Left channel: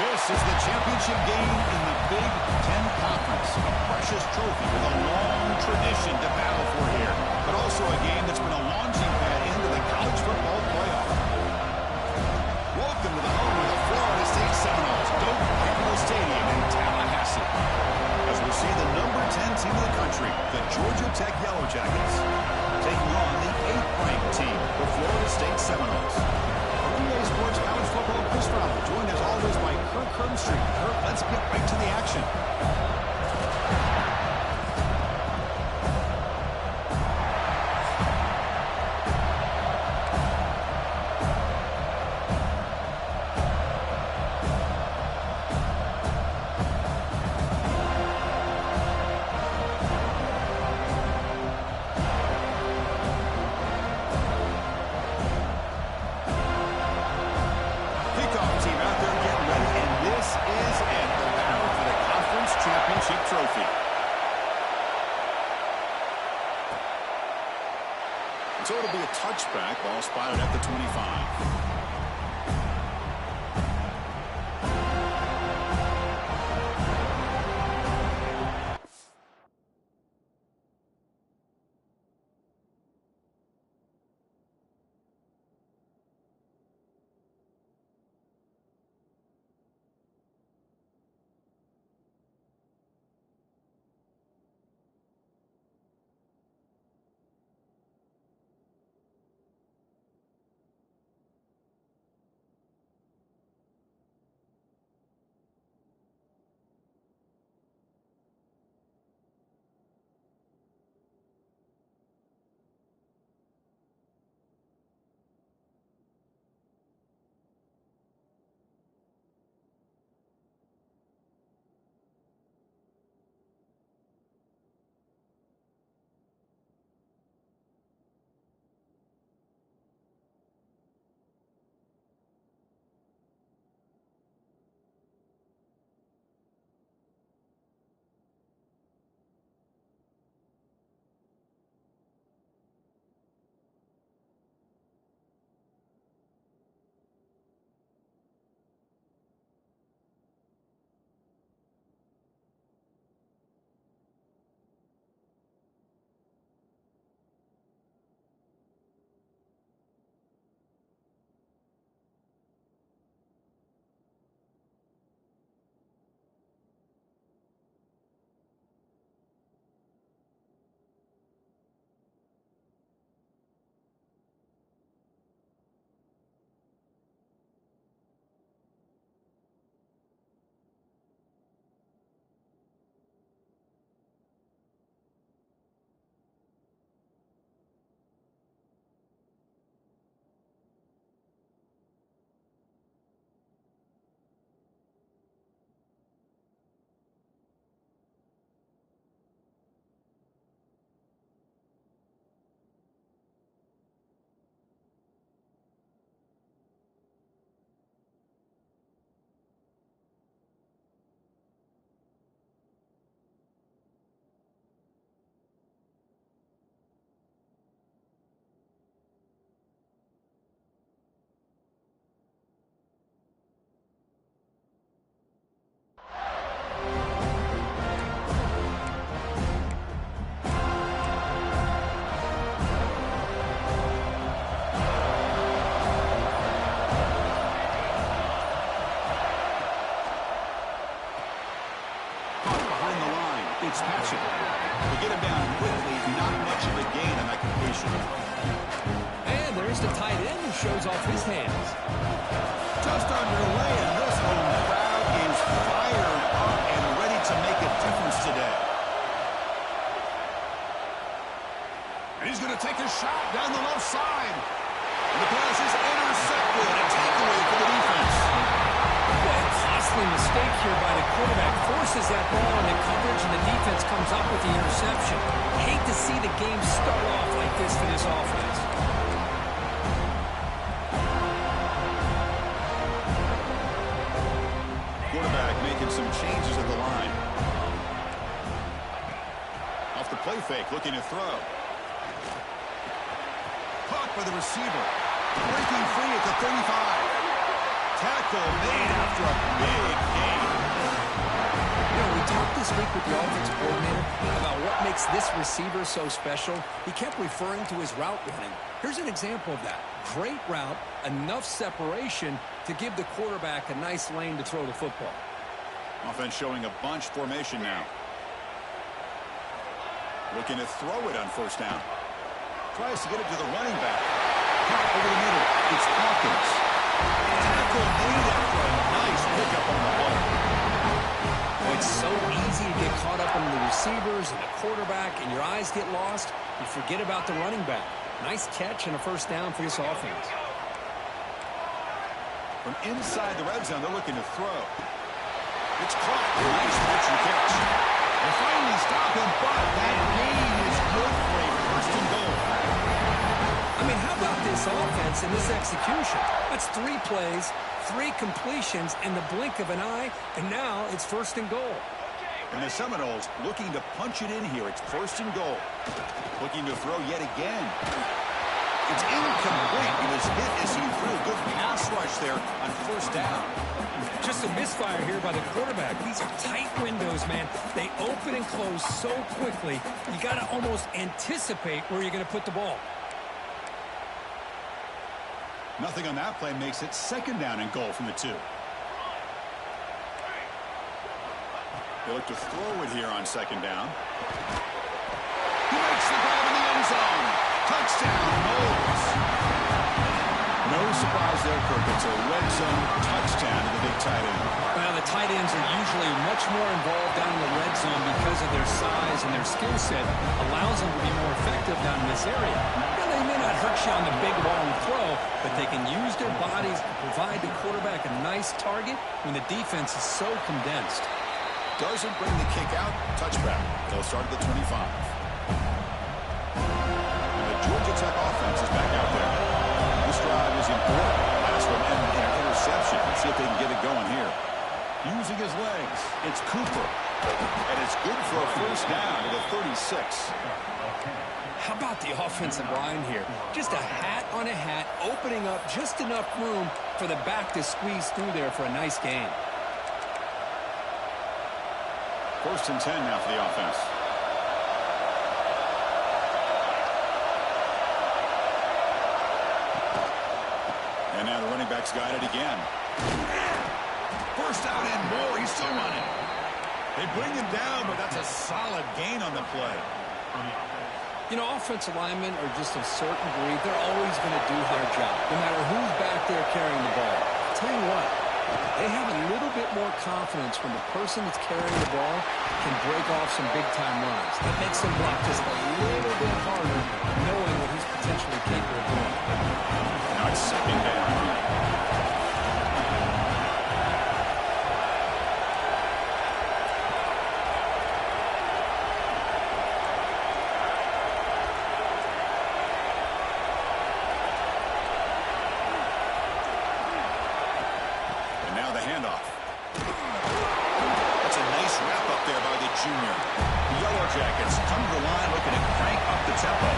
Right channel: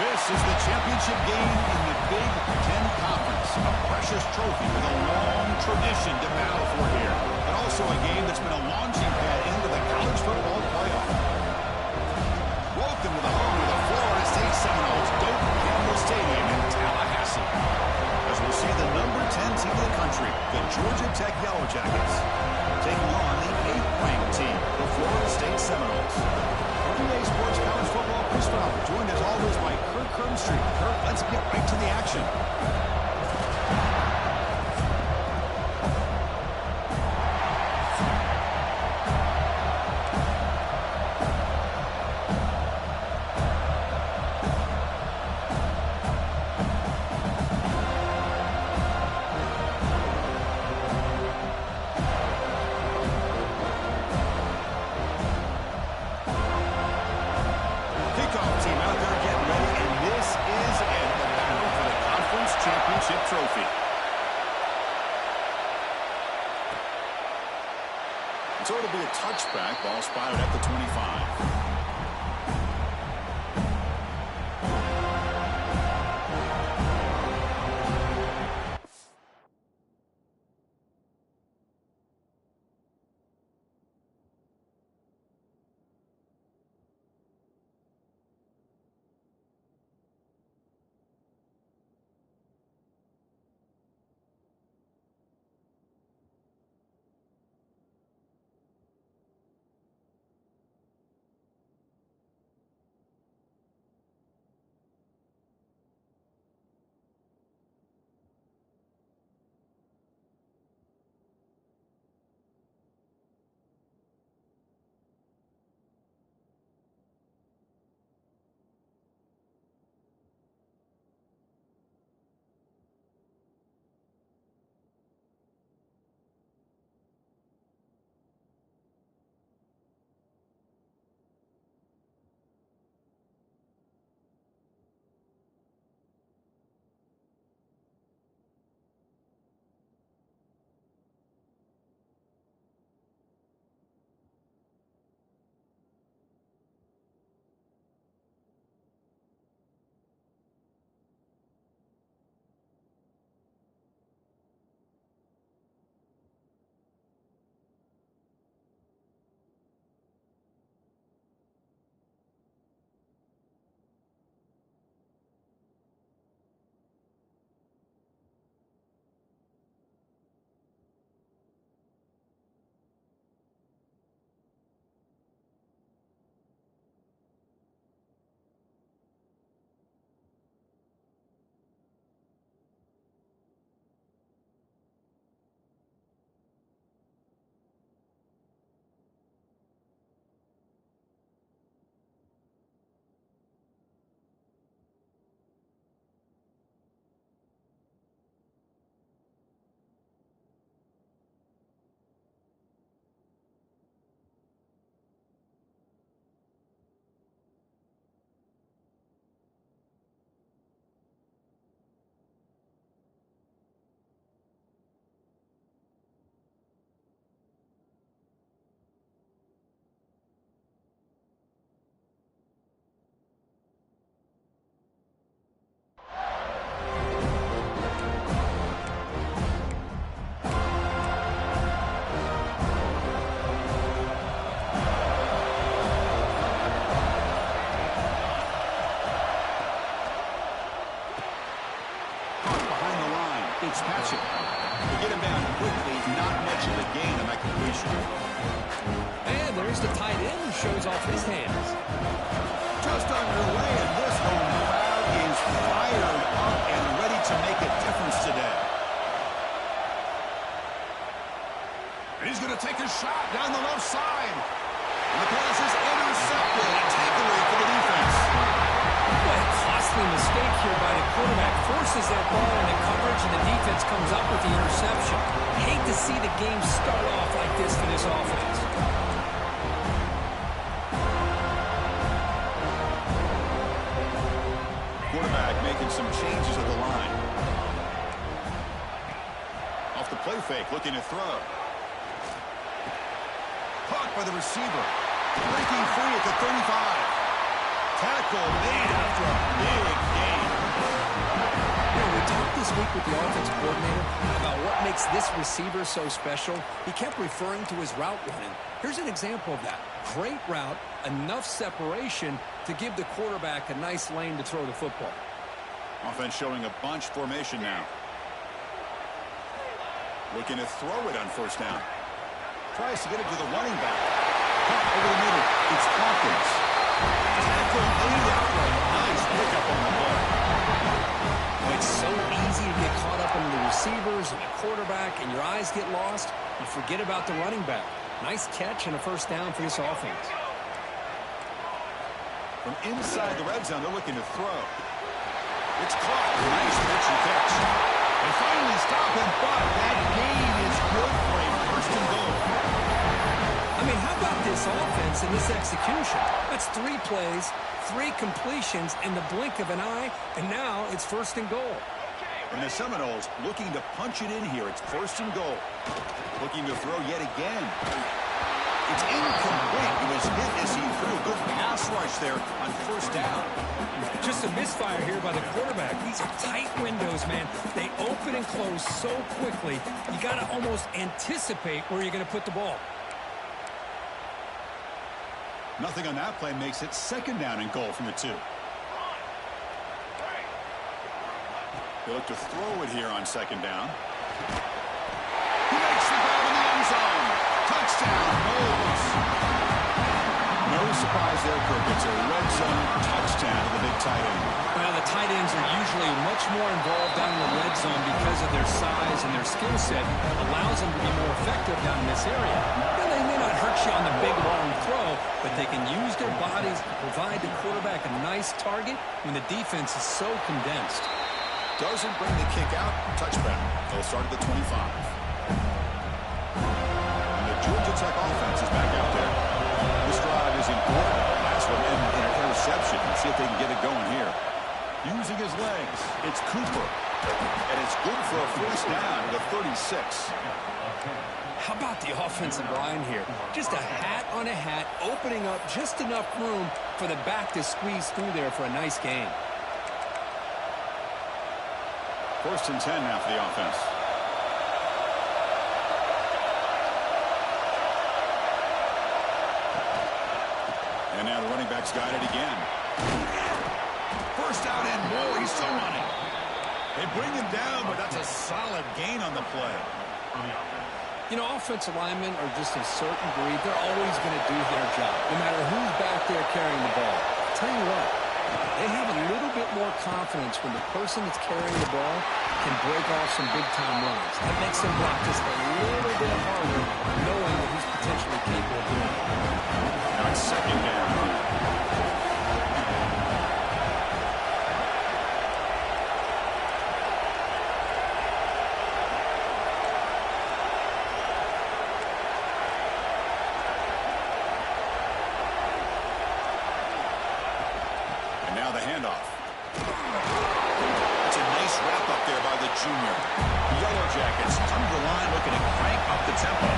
This is the championship game in the Big Ten Conference. A precious trophy with a long tradition to battle for here. But also a game that's been a launching pad into the college football playoff. Welcome to the home of the Florida State Seminoles, Doak Campbell Stadium in Tallahassee. As we'll see the number 10 team in the country, the Georgia Tech Yellow Jackets, taking on the 8th-ranked team, the Florida State Seminoles. From EA Sports College Football, Chris Fowler, joined as always by Kirk Herbstreit. Kirk, let's get right to the action. Team out there getting ready, and this is it, the battle for the conference championship trophy. And so it'll be a touchback, ball spotted at the 25. Fitzpatrick. To get him down quickly, not much of a gain on that completion. And there's the tight end who shows off his hands. Just underway, and this home crowd is fired up and ready to make a difference today. And he's going to take a shot down the left side. And the pass is intercepted. A takeaway for the defense. What a costly mistake here by the quarterback. Forces that ball into coverage, and the defense comes up with the interception. Hate to see the game start off like this for this offense. Quarterback making some changes at the line. Off the play fake, looking to throw. Caught by the receiver. Breaking free at the 35. tackle made after a big gain. You know, we talked this week with the offensive coordinator about what makes this receiver so special. He kept referring to his route running. Here's an example of that. Great route, enough separation to give the quarterback a nice lane to throw the football. Offense showing a bunch formation now. Looking to throw it on first down. Tries to get it to the running back. Caught over the middle. It's Hawkins. Tackle made after a nice pickup on the play. Well, it's so easy to get caught up in the receivers and the quarterback, and your eyes get lost. You forget about the running back. Nice catch and a first down for this offense. From inside the red zone, they're looking to throw. It's caught. Nice pitch and catch. They finally stop him, but that gain is good for a first and goal. I mean, how about this offense and this execution? That's 3 plays, 3 completions in the blink of an eye, and now it's first and goal. And the Seminoles looking to punch it in here. It's first and goal. Looking to throw yet again. It's incomplete. He was hit as he threw. Good pass rush there on first down. Just a misfire here by the quarterback. These are tight windows, man. They open and close so quickly. You got to almost anticipate where you're going to put the ball. Nothing on that play makes it second down and goal from the 2. They look to throw it here on second down. He makes the grab in the end zone. Touchdown, Knowles. No surprise there, Kirk. It's a red zone touchdown to the big tight end. Well, the tight ends are usually much more involved down in the red zone because of their size and their skill set. Allows them to be more effective down in this area. Now, they may not hurt you on the big, long throw, but they can use their bodies to provide the quarterback a nice target when the defense is so condensed. Doesn't bring the kick out. Touchback. They'll start at the 25. And the Georgia Tech offense is back out there. This drive is important. Last one ended in an interception. Let's see if they can get it going here. Using his legs, it's Cooper. And it's good for a first down to the 36. How about the offensive line here? Just a hat on a hat, opening up just enough room for the back to squeeze through there for a nice gain. First and 10 now for the offense. And now the running back's got it again. First out and more. He's still running. They bring him down, but that's a solid gain on the play. You know, offensive linemen are just a certain breed. They're always going to do their job, no matter who's back there carrying the ball. I'll tell you what, they have a little bit more confidence when the person that's carrying the ball can break off some big-time runs. That makes them block just a little bit harder, knowing what he's potentially capable of doing. Now it's second down. And now the handoff. That's a nice wrap up there by the junior. The Yellow Jackets come to the line looking to crank up the tempo.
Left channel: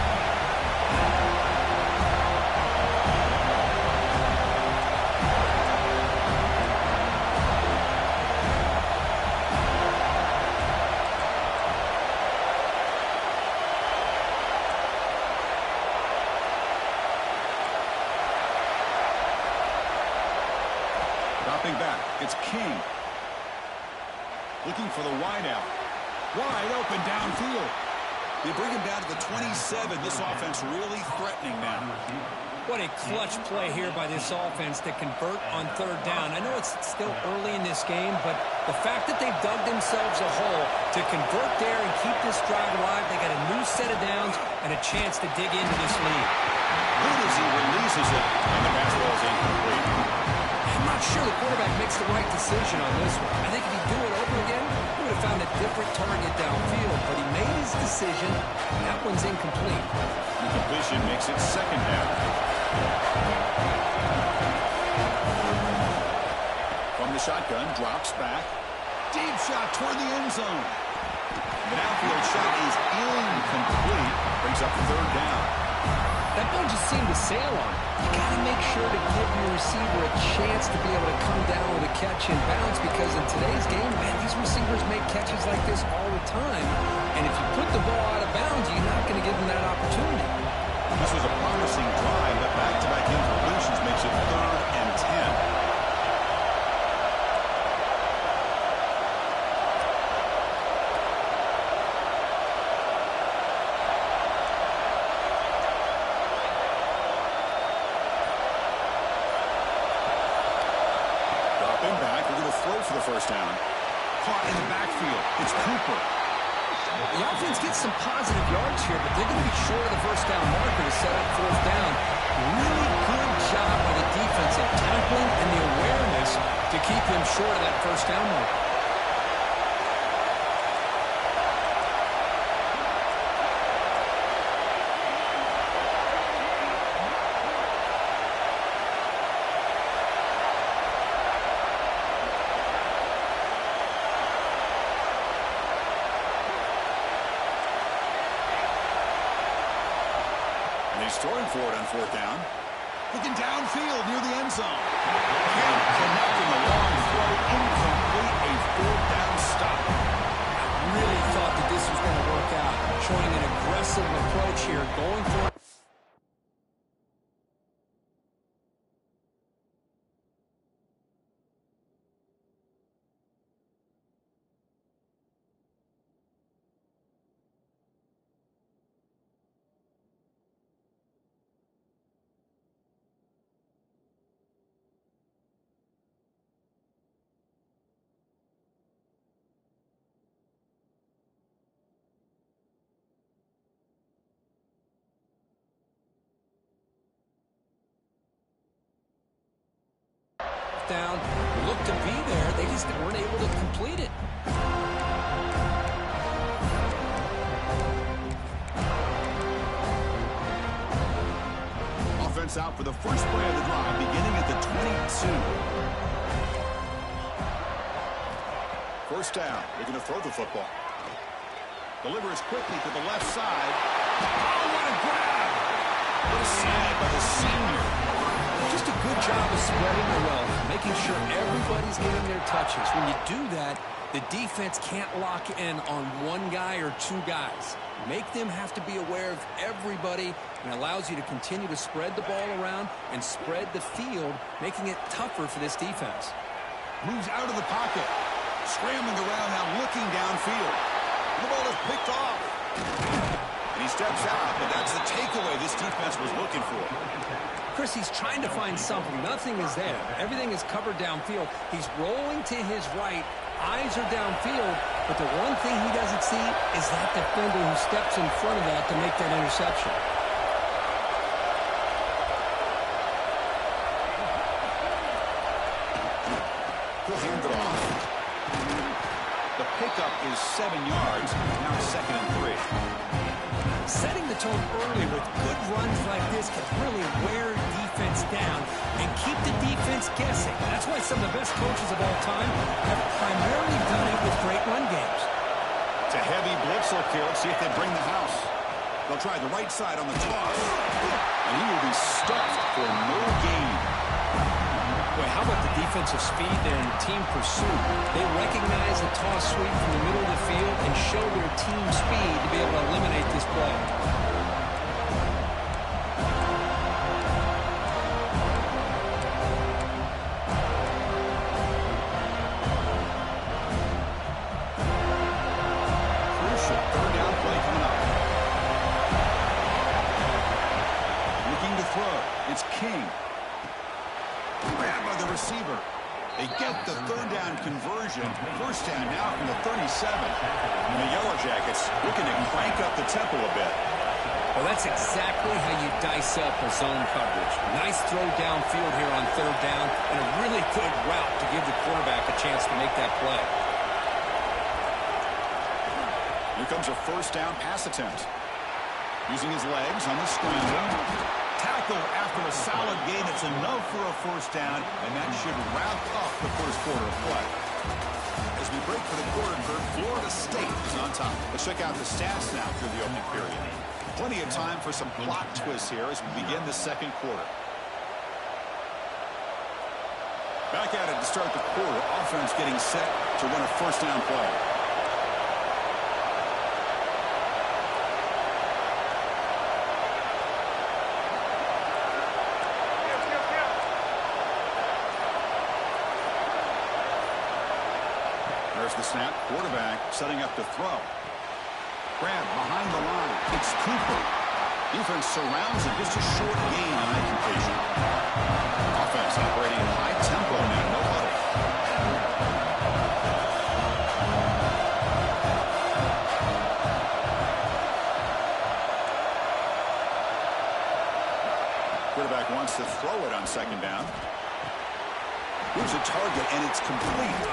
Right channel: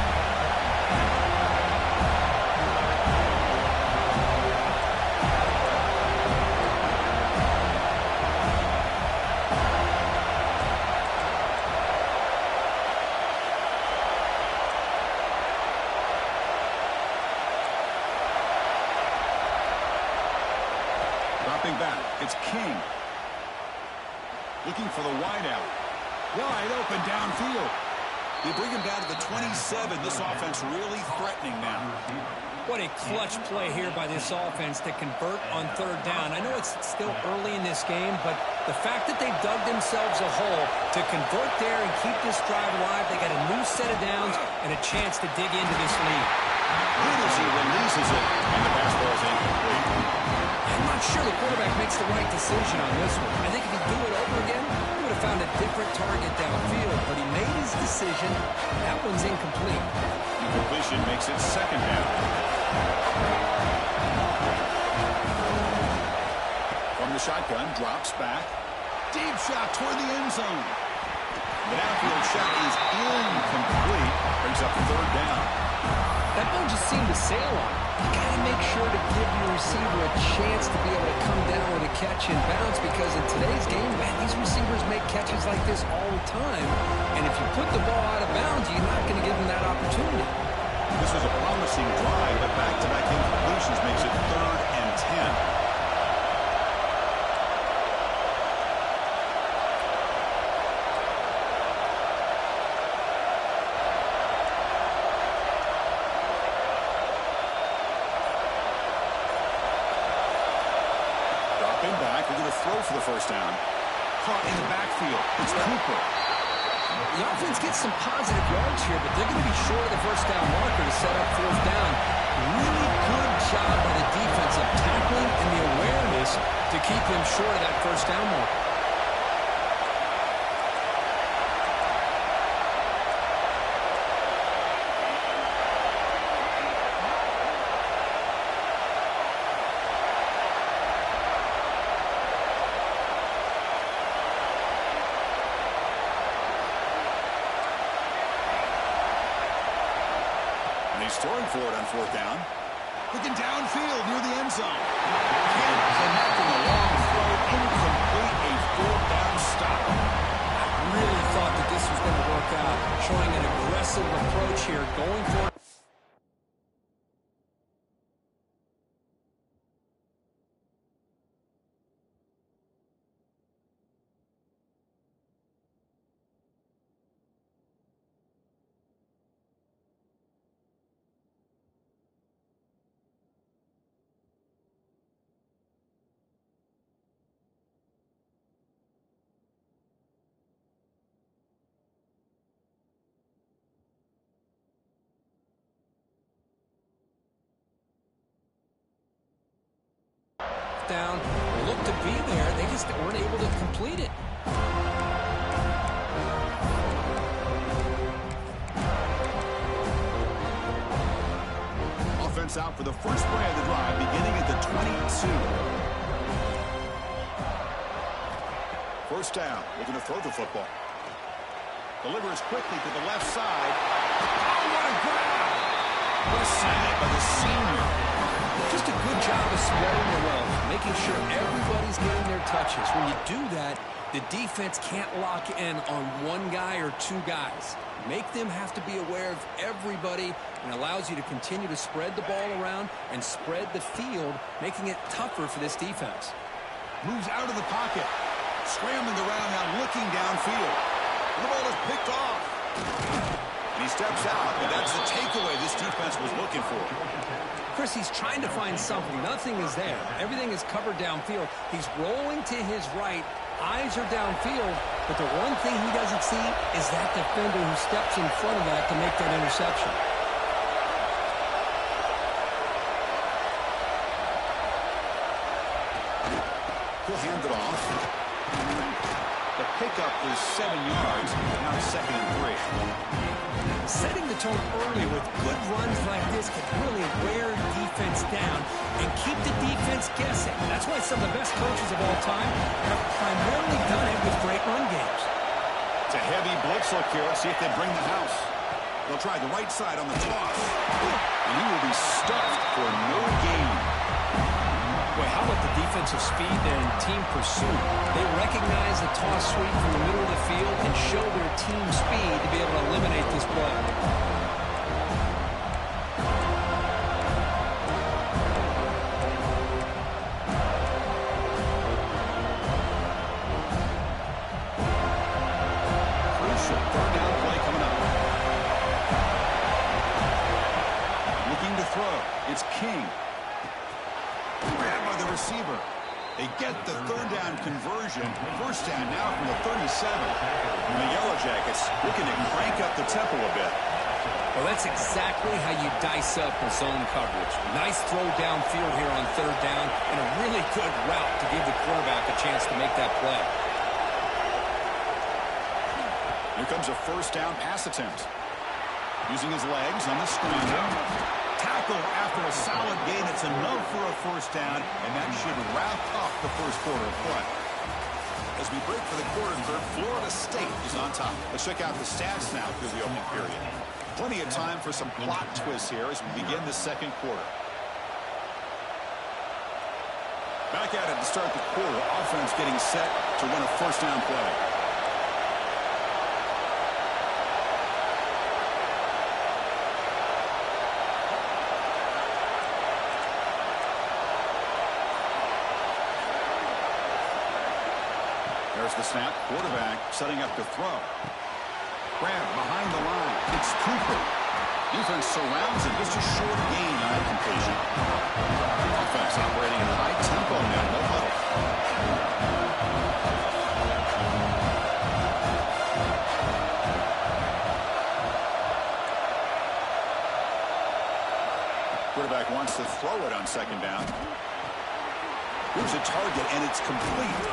Dropping back, it's King. Looking for the wideout. Wide open downfield. They bring him down to the 27. This offense really threatening now. What a clutch play here by this offense to convert on third down. I know it's still early in this game, but the fact that they've dug themselves a hole to convert there and keep this drive alive, they got a new set of downs and a chance to dig into this lead. Good as he releases it, and the pass ball is incomplete. I'm not sure the quarterback makes the right decision on this one. I think if he'd do it over again, he would have found a different target downfield, but he made his decision. That one's incomplete. Incompletion makes it second down. From the shotgun, drops back. Deep shot toward the end zone. The downfield shot is incomplete. Brings up third down. That ball just seemed to sail on it. You got to make sure to give your receiver a chance to be able to come down with a catch and bounce, because in today's game, man, these receivers make catches like this all the time. And if you put the ball out of bounds, you're not going to give them that opportunity. This was a promising drive, but back-to-back incompletions makes it 3rd and 10. Dropping back, we're going to throw for the first down. Caught in the backfield. It's Cooper. The offense gets some positive yards here, but they're going to be short of the first down marker to set up 4th down. Really good job by the defense of tackling and the awareness to keep him short of that first down marker. He's throwing for it on 4th down. Looking downfield near the end zone. Can't connect in the long throw. Incomplete. A 4th down stop. I really thought that this was going to work out. Showing an aggressive approach here. Going for it. Down, looked to be there. They just weren't able to complete it. Offense out for the first play of the drive, beginning at the 22. First down. They're going to throw the football. Delivers quickly to the left side. Oh, what a grab! What a snag by the senior. Just a good job of spreading the wealth, making sure everybody's getting their touches. When you do that, the defense can't lock in on one guy or two guys. Make them have to be aware of everybody, and allows you to continue to spread the ball around and spread the field, making it tougher for this defense. Moves out of the pocket. Scrambling around now, looking downfield. The ball is picked off. And he steps out, but that's the takeaway this defense was looking for. Chris, he's trying to find something. Nothing is there. Everything is covered downfield. He's rolling to his right. Eyes are downfield. But the one thing he doesn't see is that defender who steps in front of that to make that interception. He'll hand it off. The pickup is 7 yards. Now it's 2nd and 3. Setting the tone early with good runs like this can really wear defense down and keep the defense guessing. That's why some of the best coaches of all time have primarily done it with great run games. It's a heavy blitz look here. Let's see if they bring the house. They'll try the right side on the toss. And he will be stuffed for no gain. Boy, how about the defensive speed there in team pursuit? They recognize the toss sweep from the middle of the field and show their team speed to be able to eliminate this play. Crucial 3rd down play coming up. Looking to throw. It's King. Grabbed by the receiver. They get the 3rd down conversion. First down now from the 37. And the Yellow Jackets looking to crank up the tempo a bit. Well, that's exactly how you dice up a zone coverage. Nice throw downfield here on 3rd down, and a really good route to give the quarterback a chance to make that play. Here comes a first down pass attempt. Using his legs on the scramble. Tackle after a solid gain. It's enough for a first down, and that should wrap up the first quarter of play. As we break for the quarter, Florida State is on top. Let's check out the stats now through the opening period. Plenty of time for some plot twists here as we begin the second quarter. Back at it to start the quarter. Offense getting set to run a first down play. There's the snap. Quarterback setting up to throw. Grab behind the line. It's Cooper. Defense surrounds him. Just a short gain on that completion. Offense operating at high tempo now. No huddle. Quarterback wants to throw it on second down. Here's a target, and it's complete.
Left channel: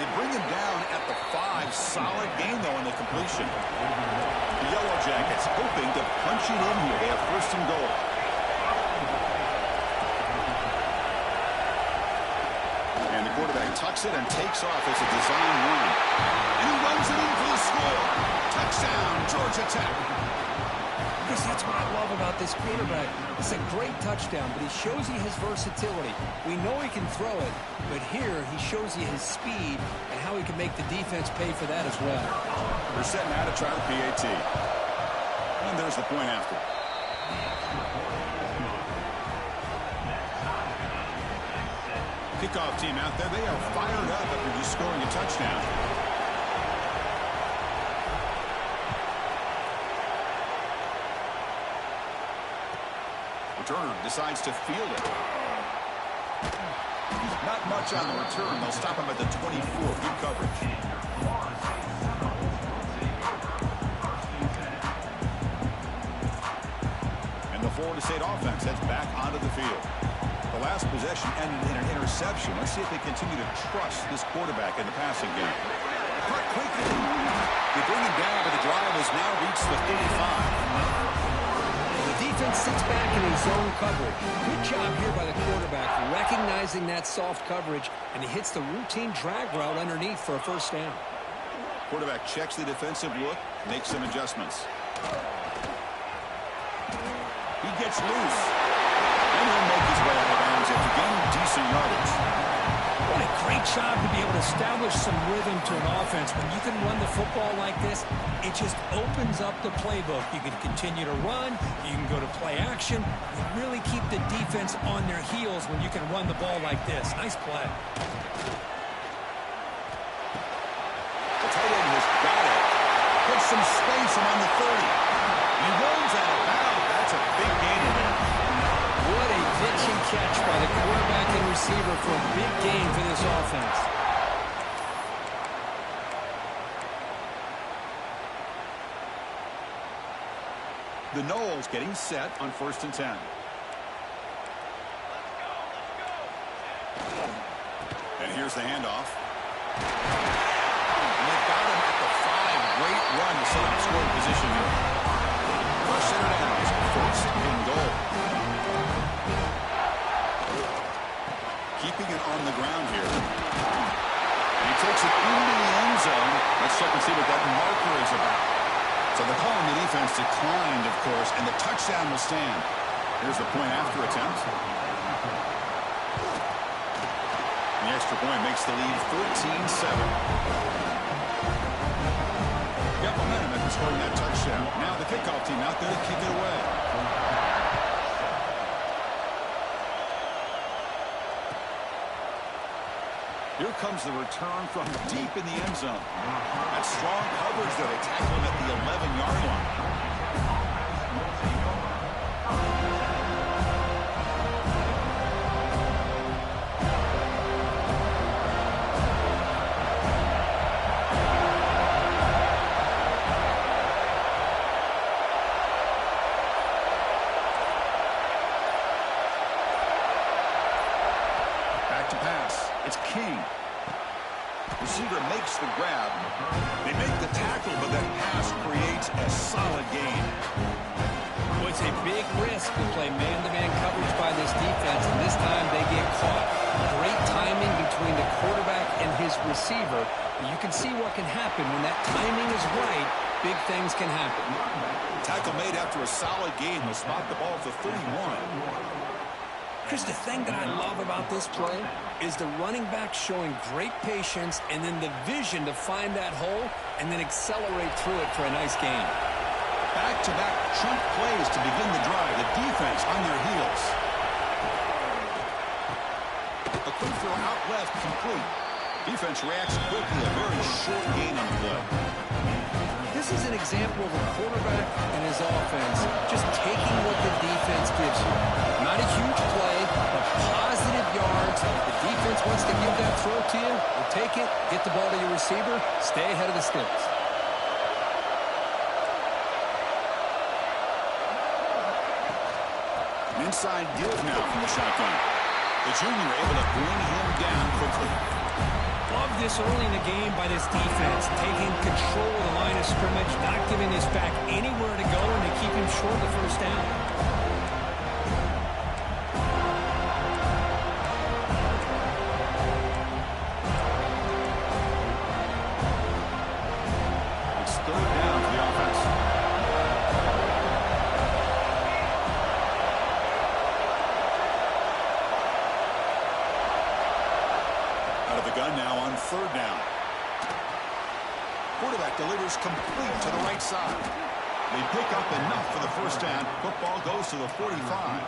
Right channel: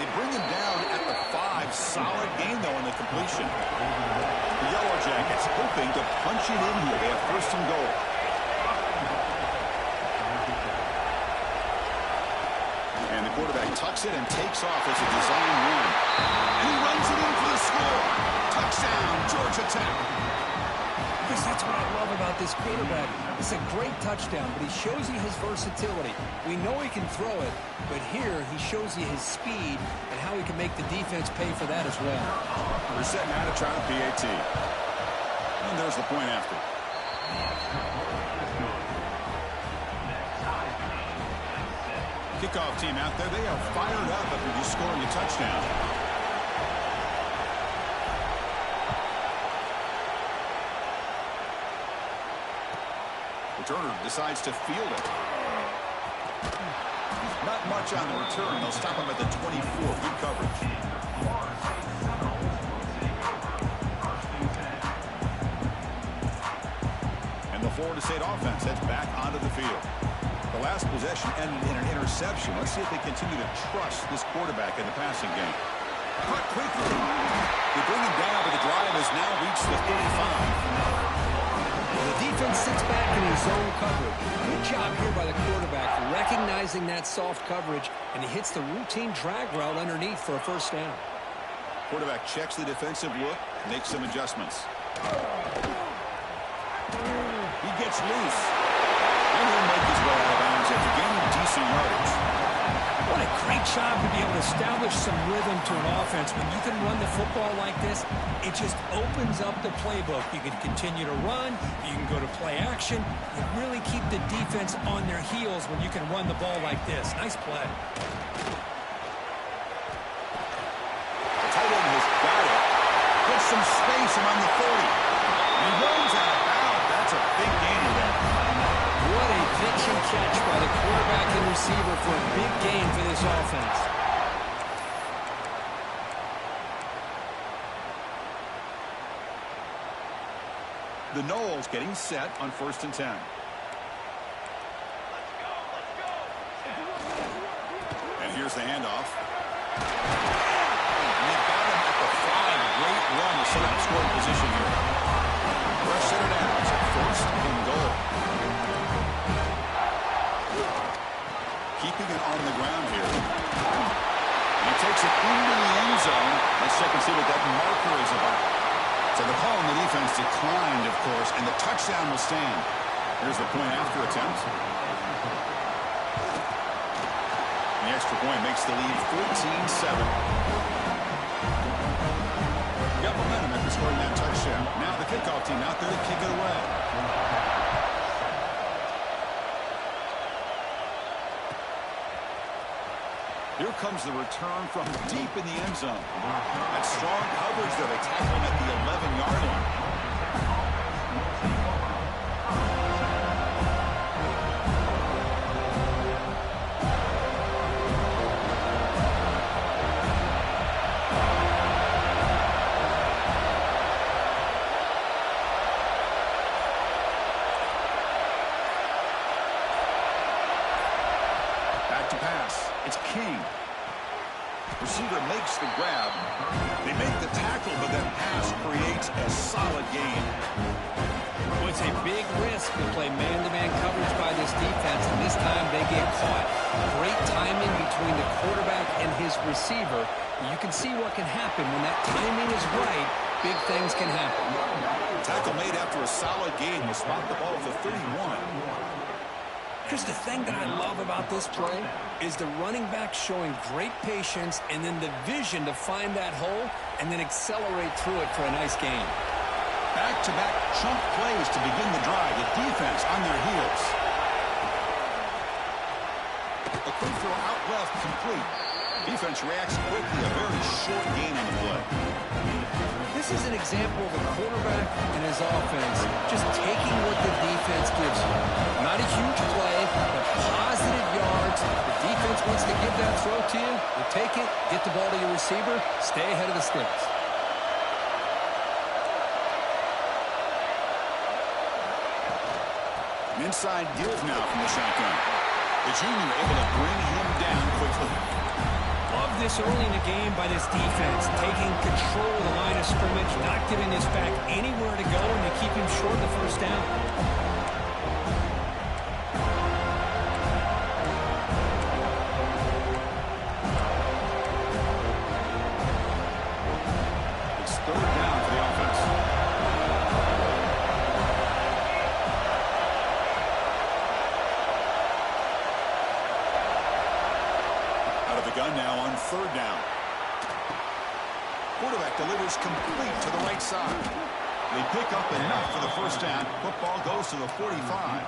They bring him down at the 5. Solid gain, though, on the completion. The Yellow Jackets hoping to punch it in here. They have first and goal. And the quarterback tucks it and takes off as a design run. And he runs it in for the score. Touchdown, Georgia Tech. Yes, that's what I love about this quarterback. It's a great touchdown, but he shows you his versatility. We know he can throw it, but here he shows you his speed and how he can make the defense pay for that as well. They're setting out to try the PAT. And there's the point after. Kickoff team out there. They are fired up after just scoring a touchdown. Returner decides to field it. Not much on the return. They'll stop him at the 24. Good coverage. And the Florida State offense heads back onto the field. The last possession ended in an interception. Let's see if they continue to trust this quarterback in the passing game. Caught quickly. They bring him down, but the drive has now reached the 35. The defense sits back in his zone coverage. Good job here by the quarterback, recognizing that soft coverage, and he hits the routine drag route underneath for a first down. Quarterback checks the defensive look, makes some adjustments. He gets loose, and he'll make his way out of bounds after gaining decent yardage. What a great job to be able to establish some rhythm to an offense. When you can run the football like this, it just opens up the playbook. You can continue to run. You can go to play action. You really keep the defense on their heels when you can run the ball like this. Nice play. The tight end has got it. Puts some space around the 30. He runs out of bounds. That's a big gainer there. What a pitch and catch by the quarterback and receiver for a big gain for this offense. The Noles getting set on 1st and 10. And here's the handoff. And they've got him at the 5. Great run to set up scoring position here. Rush center down. It's 1st and goal. Keeping it on the ground here. And he takes it into the end zone. Let's check and see what that marker is about. So the call on the defense declined, of course, and the touchdown will stand. Here's the point after attempt. The extra point makes the lead 14-7. Got momentum after scoring that touchdown. Now the kickoff team out there to kick it away. Here comes the return from deep in the end zone. That strong coverage there. They tackle him at the 11-yard line. Back to pass. It's King. Receiver makes the grab. They make the tackle, but that pass creates a solid gain. Well, it's a big risk to play man-to-man coverage by this defense, and this time they get caught. Great timing between the quarterback and his receiver. You can see what can happen when that timing is right. big things can happen. Tackle made after a solid gain. He'll spot the ball at the 31. Chris, the thing that I love about this play is the running back showing great patience and then the vision to find that hole and then accelerate through it for a nice gain. Back-to-back chunk plays to begin the drive. The defense on their heels. A quick throw out left, complete. Defense reacts quickly. A very short gain on the play. This is an example of a quarterback and his offense just taking what the defense gives you. Not a huge play, but positive yards. The defense wants to give that throw to you. You take it, get the ball to your receiver, stay ahead of the sticks. An inside give now from the shotgun. The junior able to bring him down quickly. Love this early in the game by this defense, taking control of the line of scrimmage, not giving this back anywhere to go, and they keep him short of the first down. It's third down for the offense. Out of the gun now on third down. Quarterback delivers complete to the right side. They pick up enough for the first down. Football goes to the 45.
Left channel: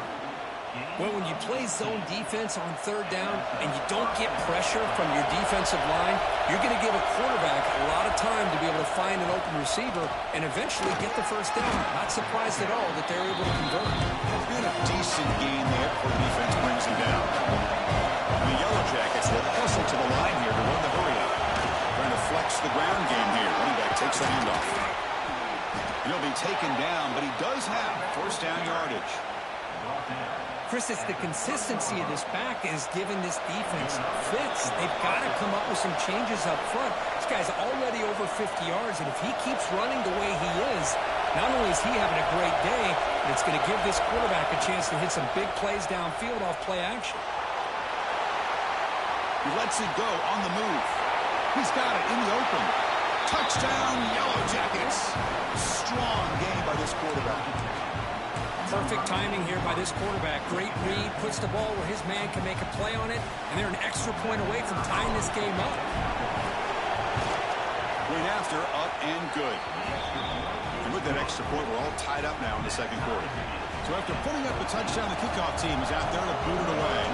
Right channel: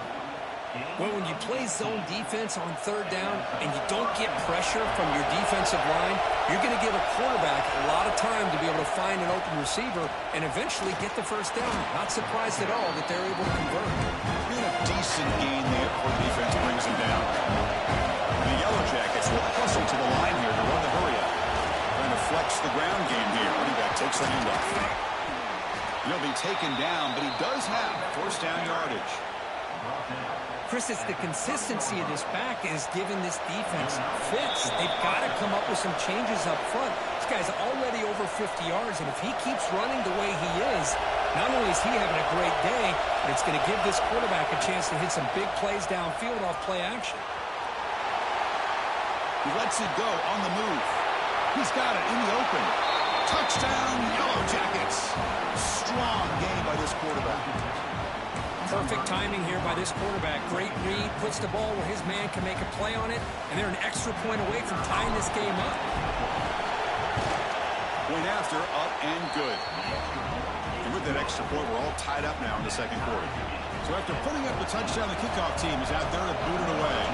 Well, when you play zone defense on third down and you don't get pressure from your defensive line, you're going to give a quarterback a lot of time to be able to find an open receiver and eventually get the first down. Not surprised at all that they're able to convert. Been a decent gain there before the defense brings him down. The Yellow Jackets will hustle to the line here to run the hurry-up. Trying to flex the ground game here. Running back takes the handoff. He'll be taken down, but he does have first down yardage. Chris, it's the consistency of this back is giving this defense fits. They've got to come up with some changes up front. This guy's already over 50 yards, and if he keeps running the way he is, not only is he having a great day, but it's going to give this quarterback a chance to hit some big plays downfield off play action. He lets it go on the move. He's got it in the open. Touchdown, Yellow Jackets. Strong game by this quarterback. Perfect timing here by this quarterback. Great read, puts the ball where his man can make a play on it, and they're an extra point away from tying this game up. Point after, up and good. And with that extra point, we're all tied up now in the second quarter. So after putting up the touchdown, the kickoff team is out there to boot it away.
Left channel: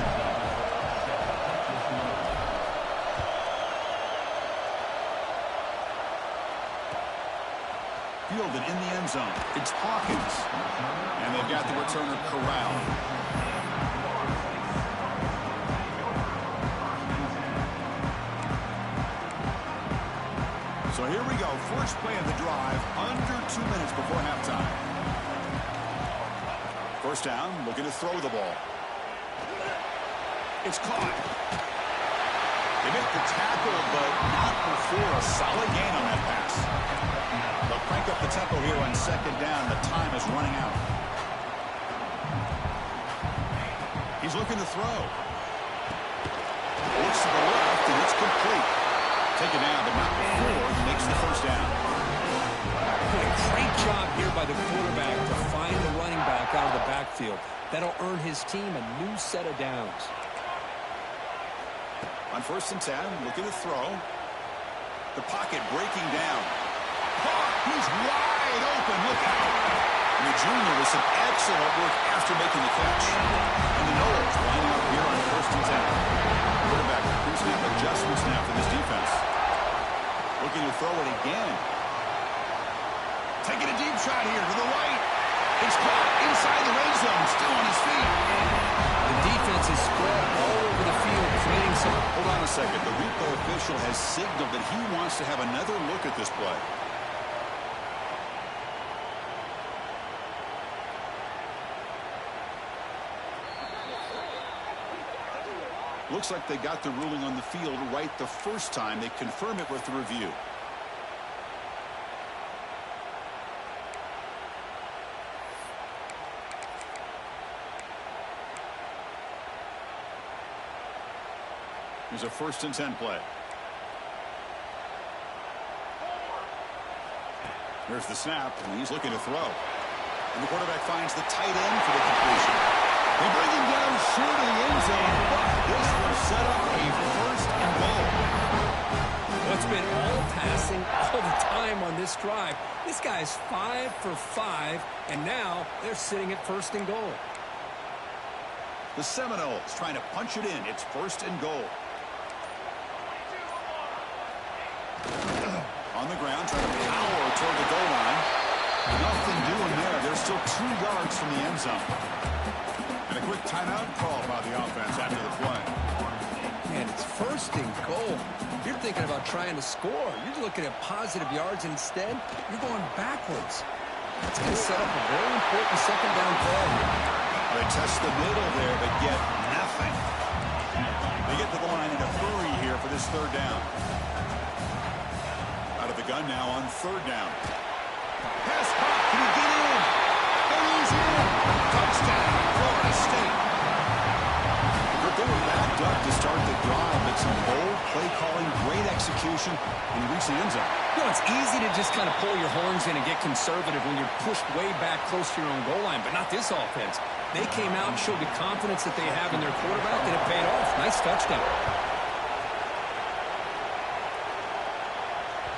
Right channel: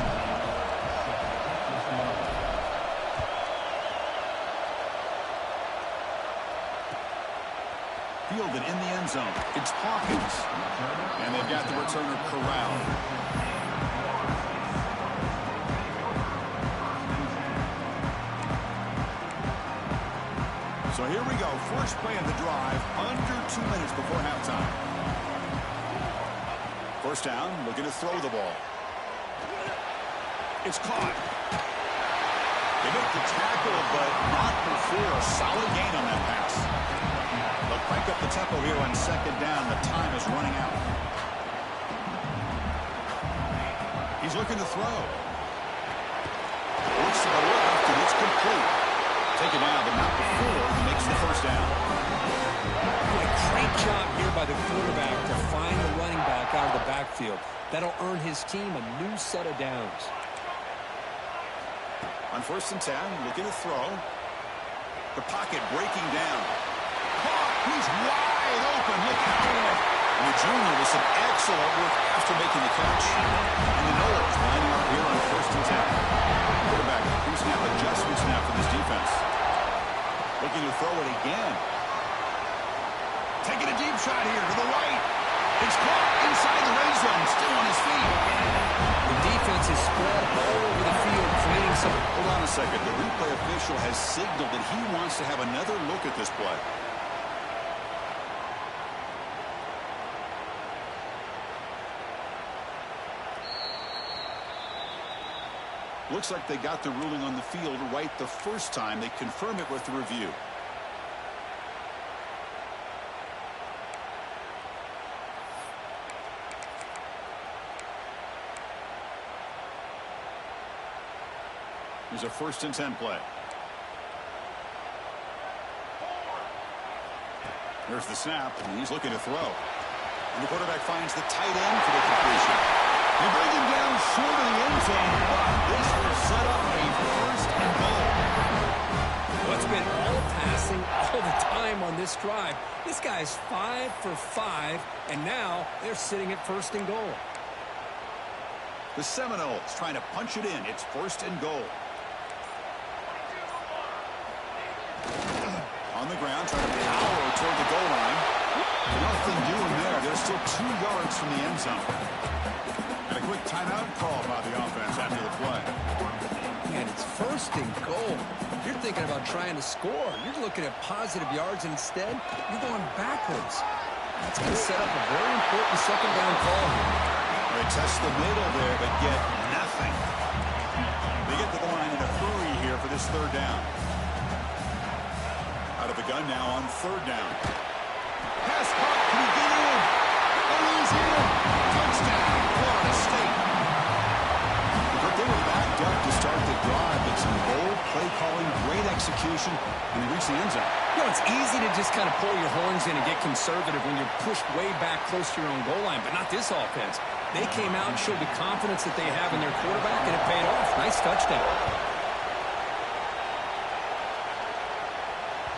Fielded in the end zone. It's Hawkins. And they've got the returner corralled. So here we go. First play of the drive. Under 2 minutes before halftime. First down. Looking to throw the ball. It's caught. They make the tackle, but not before a solid gain on that pass. They'll crank up the tempo here on second down. The time is running out. He's looking to throw. Looks to the left, and it's complete. Taken down, but not before he makes the first down. Boy, great job here by the quarterback to find the running back out of the backfield. That'll earn his team a new set of downs. On first and 10, looking to throw. The pocket breaking down. Caught. He's wide open. Look out. And the junior with some excellent work after making the catch. And the Noles lining up here on first and 10. Quarterback pre-snap adjustments now for this defense. Looking to throw it again. Taking a deep shot here to the right. It's caught inside the red zone. Still on his feet. The defense is spread all over the field, creating some... Hold on a second. The replay official has signaled that he wants to have another look at this play. Looks like they got the ruling on the field right the first time. They confirm it with the review. Here's a first and 10 play. There's the snap, and he's looking to throw. And the quarterback finds the tight end for the completion. They bring him down short of the end zone, but this will set up a first and goal. Well, it's been all passing all the time on this drive. This guy's 5 for 5, and now they're sitting at first and goal. The Seminoles trying to punch it in. It's first and goal. On the ground, trying to power toward the goal line. Nothing doing there. They're still 2 yards from the end zone. And a quick timeout call by the offense after the play. Man, it's first and goal. You're thinking about trying to score. You're looking at positive yards, and instead, you're going backwards. That's going to set up a very important second down call here. They test the middle there, but get nothing. They get to the line in a hurry here for this third down. Out of the gun now on third down. Pass caught. Can he get in? And he's in. Touchdown, Florida State. They were backed up to start the drive, but some bold play calling, great execution, and they reached the end zone. You know, it's easy to just kind of pull your horns in and get conservative when you're pushed way back close to your own goal line, but not this offense. They came out and showed the confidence that they have in their quarterback, and it paid off. Nice touchdown.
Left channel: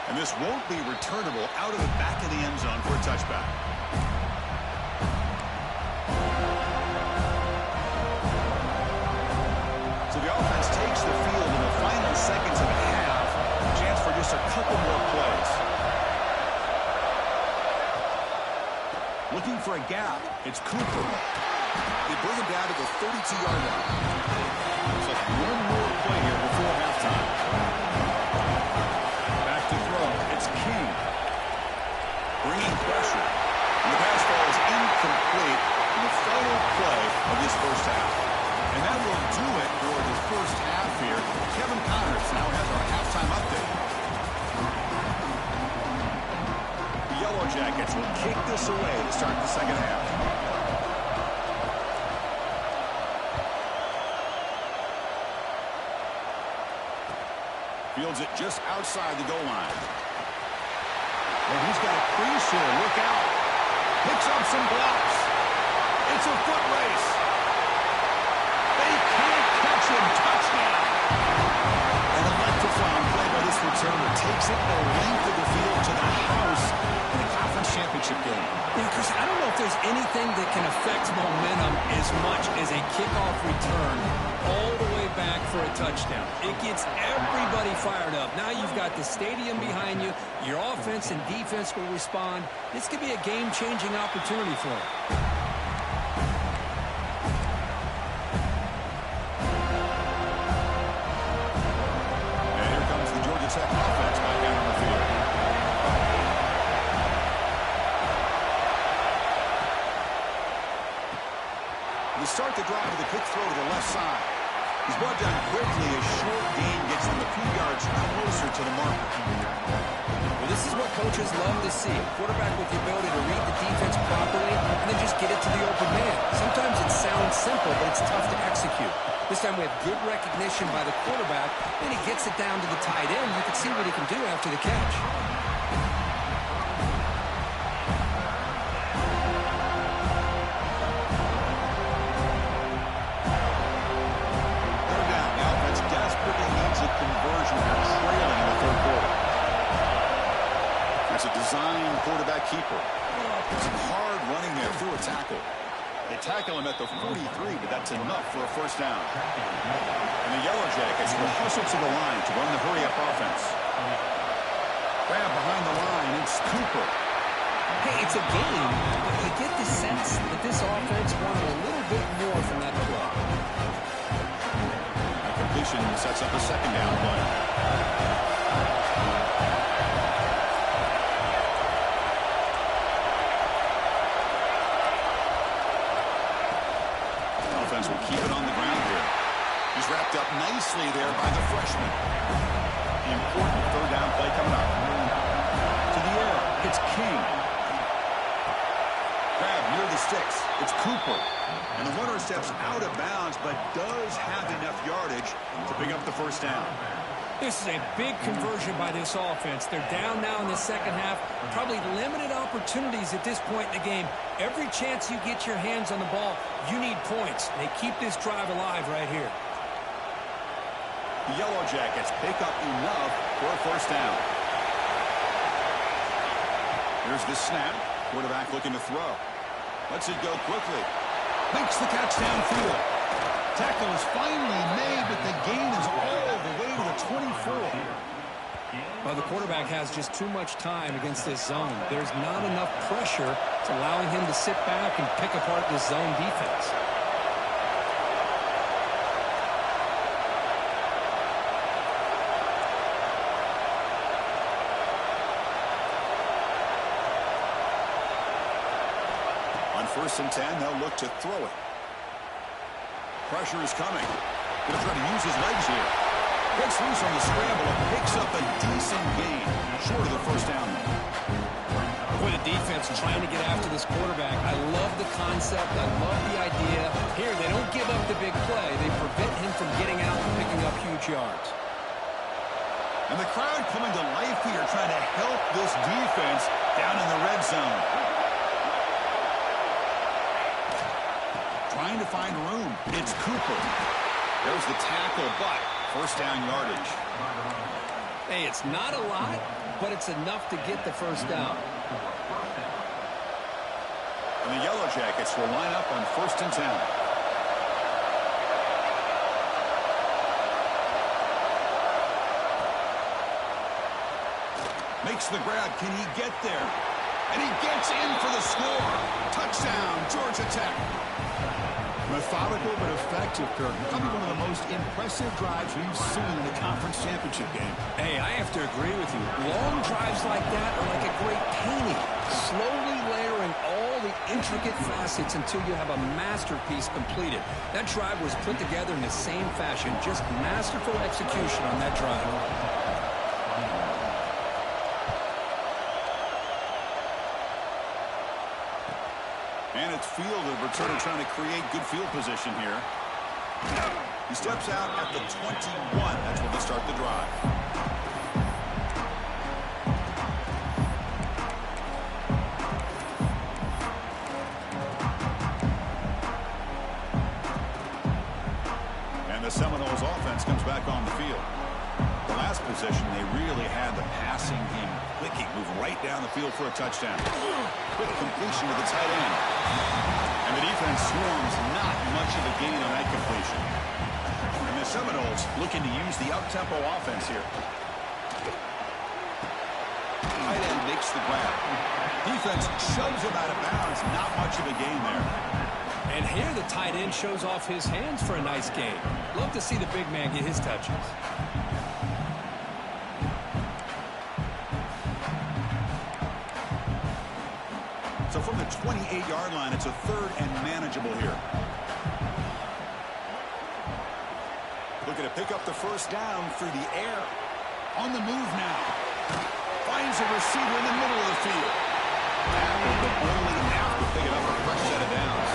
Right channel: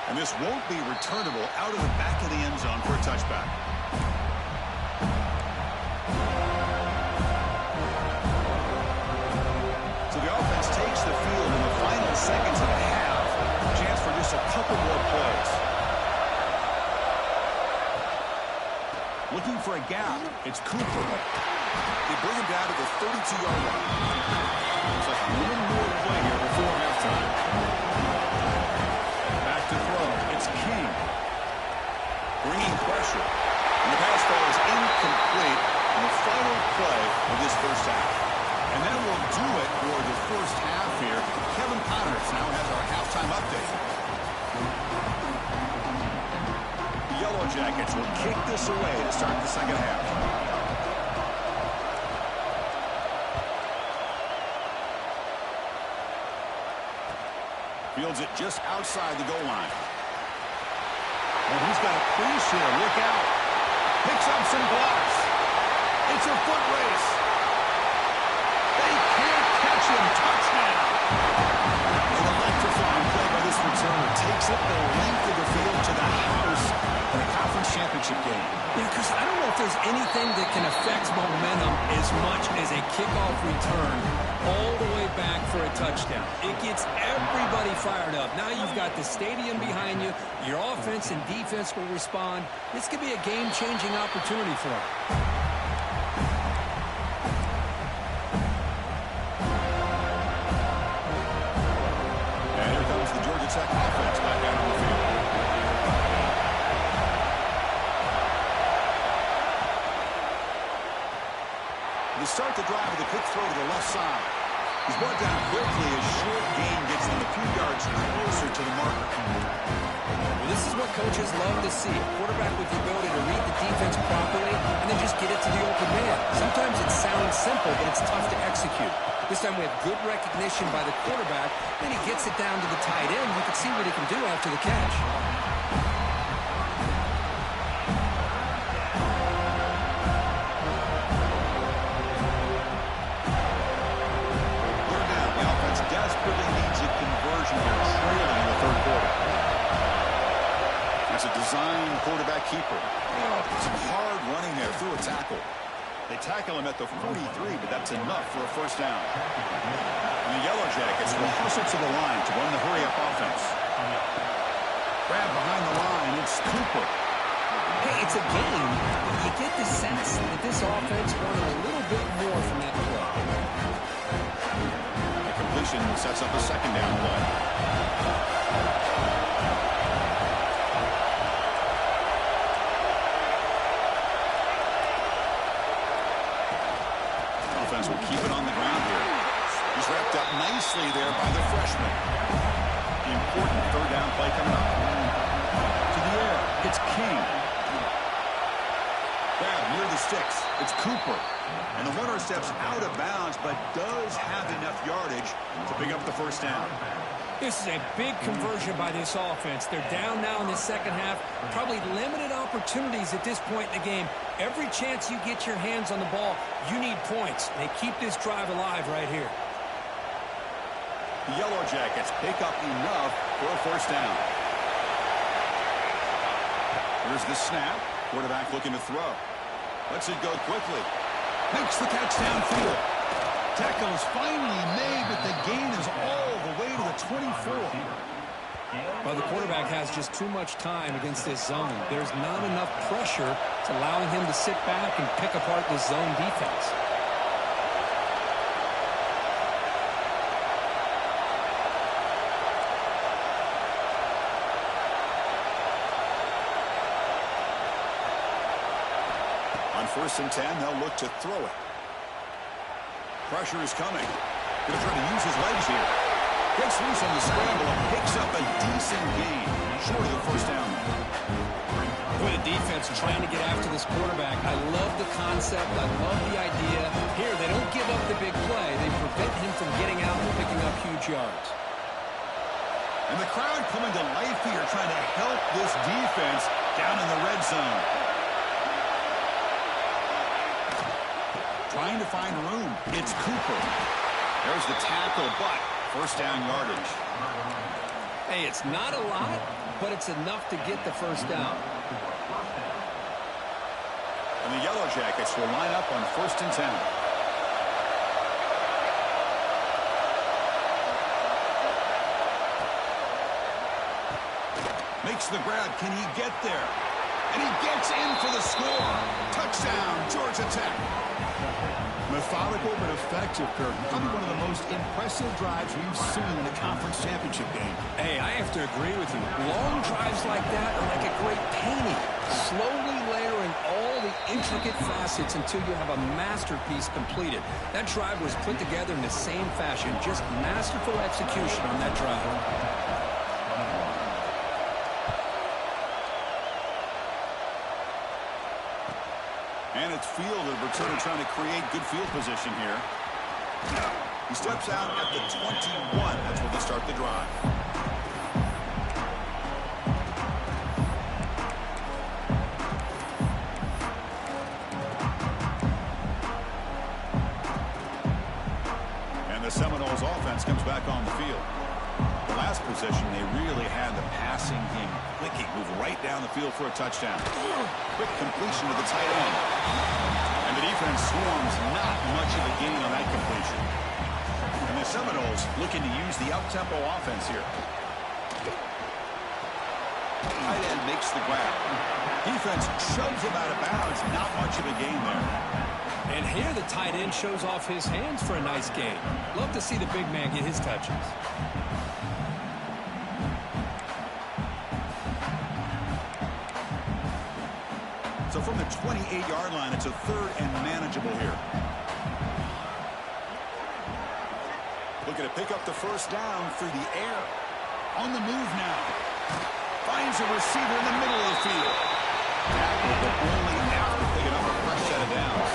And this won't be returnable out of the back of the end zone for a touchback. So the offense takes the field in the final seconds of the half. Chance for just a couple more plays. Looking for a gap. It's Cooper. They bring him down to the 32-yard line. Looks like one more play here before halftime. Back to throw. It's King. Bringing pressure. And the pass ball is incomplete in the final play of this first half. And that will do it for the first half here. Kevin Connors now has our halftime update. The Yellow Jackets will kick this away to start the second half. Fields it just outside the goal line. And he's got a crease here. Look out. Picks up some blocks. It's a foot race. They can't catch him. Touchdown. An electrifying play by this returner. Takes it the length of the field to the house in a conference championship game. Yeah, Chris, I don't know if there's anything that can affect momentum as much as a kickoff return all the way back for a touchdown. It gets everybody fired up. Now you've got the stadium behind you. Your offense and defense will respond. This could be a game-changing opportunity for them. Tech offense back out on the field. They start the drive with a quick throw to the left side. He's brought down quickly as short gain gets them a few yards closer to the marker. Well, this is what coaches love to see. A quarterback with the ability to read the defense properly and then just get it to the open man. Sometimes it sounds simple, but it's tough to execute. This time we have good recognition by the quarterback. Then he gets it down to the tight end. You can see what he can do after the catch. Third down. The offense desperately needs a conversion here, trailing in the third quarter. That's a designed quarterback keeper. Some hard running there through a tackle. They tackle him at the 43, but that's enough for a first down. And the Yellow Jackets will hustle to the line to run the hurry-up offense. Grab behind the line. It's Cooper. Hey, it's a game, but you get the sense that this offense wanted a little bit more from that play. That completion sets up a second down play. Will keep it on the ground here. He's wrapped up nicely there by the freshman. The important third down play coming up. To the air, it's King. Grab near the sticks. It's Cooper. And the runner steps out of bounds, but does have enough yardage to pick up the first down. This is a big conversion by this offense. They're down now in the second half. Probably limited opportunities at this point in the game. Every chance you get your hands on the ball, you need points. They keep this drive alive right here. The Yellow Jackets pick up enough for a first down. Here's the snap. Quarterback looking to throw. Lets it go quickly. Makes the catch downfield. Tackle is finally made, but the gain is all the way to the 24. Well, the quarterback has just too much time against this zone. There's not enough pressure to allowing him to sit back and pick apart this zone defense. On 1st and 10, they'll look to throw it. Pressure is coming. Going to try to use his legs here. Gets loose on the scramble and picks up a decent gain. Short of the first down. Boy, the defense trying to get after this quarterback. I love the concept. I love the idea. Here, they don't give up the big play. They prevent him from getting out and picking up huge yards. And the crowd coming to life here, trying to help this defense down in the red zone. Trying to find room. It's Cooper. There's the tackle, but first down yardage. Hey, it's not a lot, but it's enough to get the first down. And the Yellow Jackets will line up on 1st and 10. Makes the grab. Can he get there? And he gets in for the score. Touchdown, Georgia Tech. Methodical but effective, Kirk. Probably one of the most impressive drives we've seen in a conference championship game. Hey, I have to agree with you. Long drives like that are like a great painting. Slowly layering all the intricate facets until you have a masterpiece completed. That drive was put together in the same fashion. Just masterful execution on that drive. And it's fielded. Returner trying to create good field position here. He steps out at the 21. That's where they start the drive. And the Seminoles offense comes back on the field. The last possession, they really had the passing game clicking. Move right down the field for a touchdown. Quick completion to the tight end. And the defense swarms, not much of a gain on that completion. And the Seminoles looking to use the up-tempo offense here. Tight end makes the grab. Defense shoves him out of bounds. Not much of a gain there. And here the tight end shows off his hands for a nice gain. Love to see the big man get his touches. So from the 28-yard line, it's a 3rd and manageable here. Looking to pick up the first down through the air. On the move now. Finds a receiver in the middle of the field. Tackled, but only after picking up a fresh set of downs.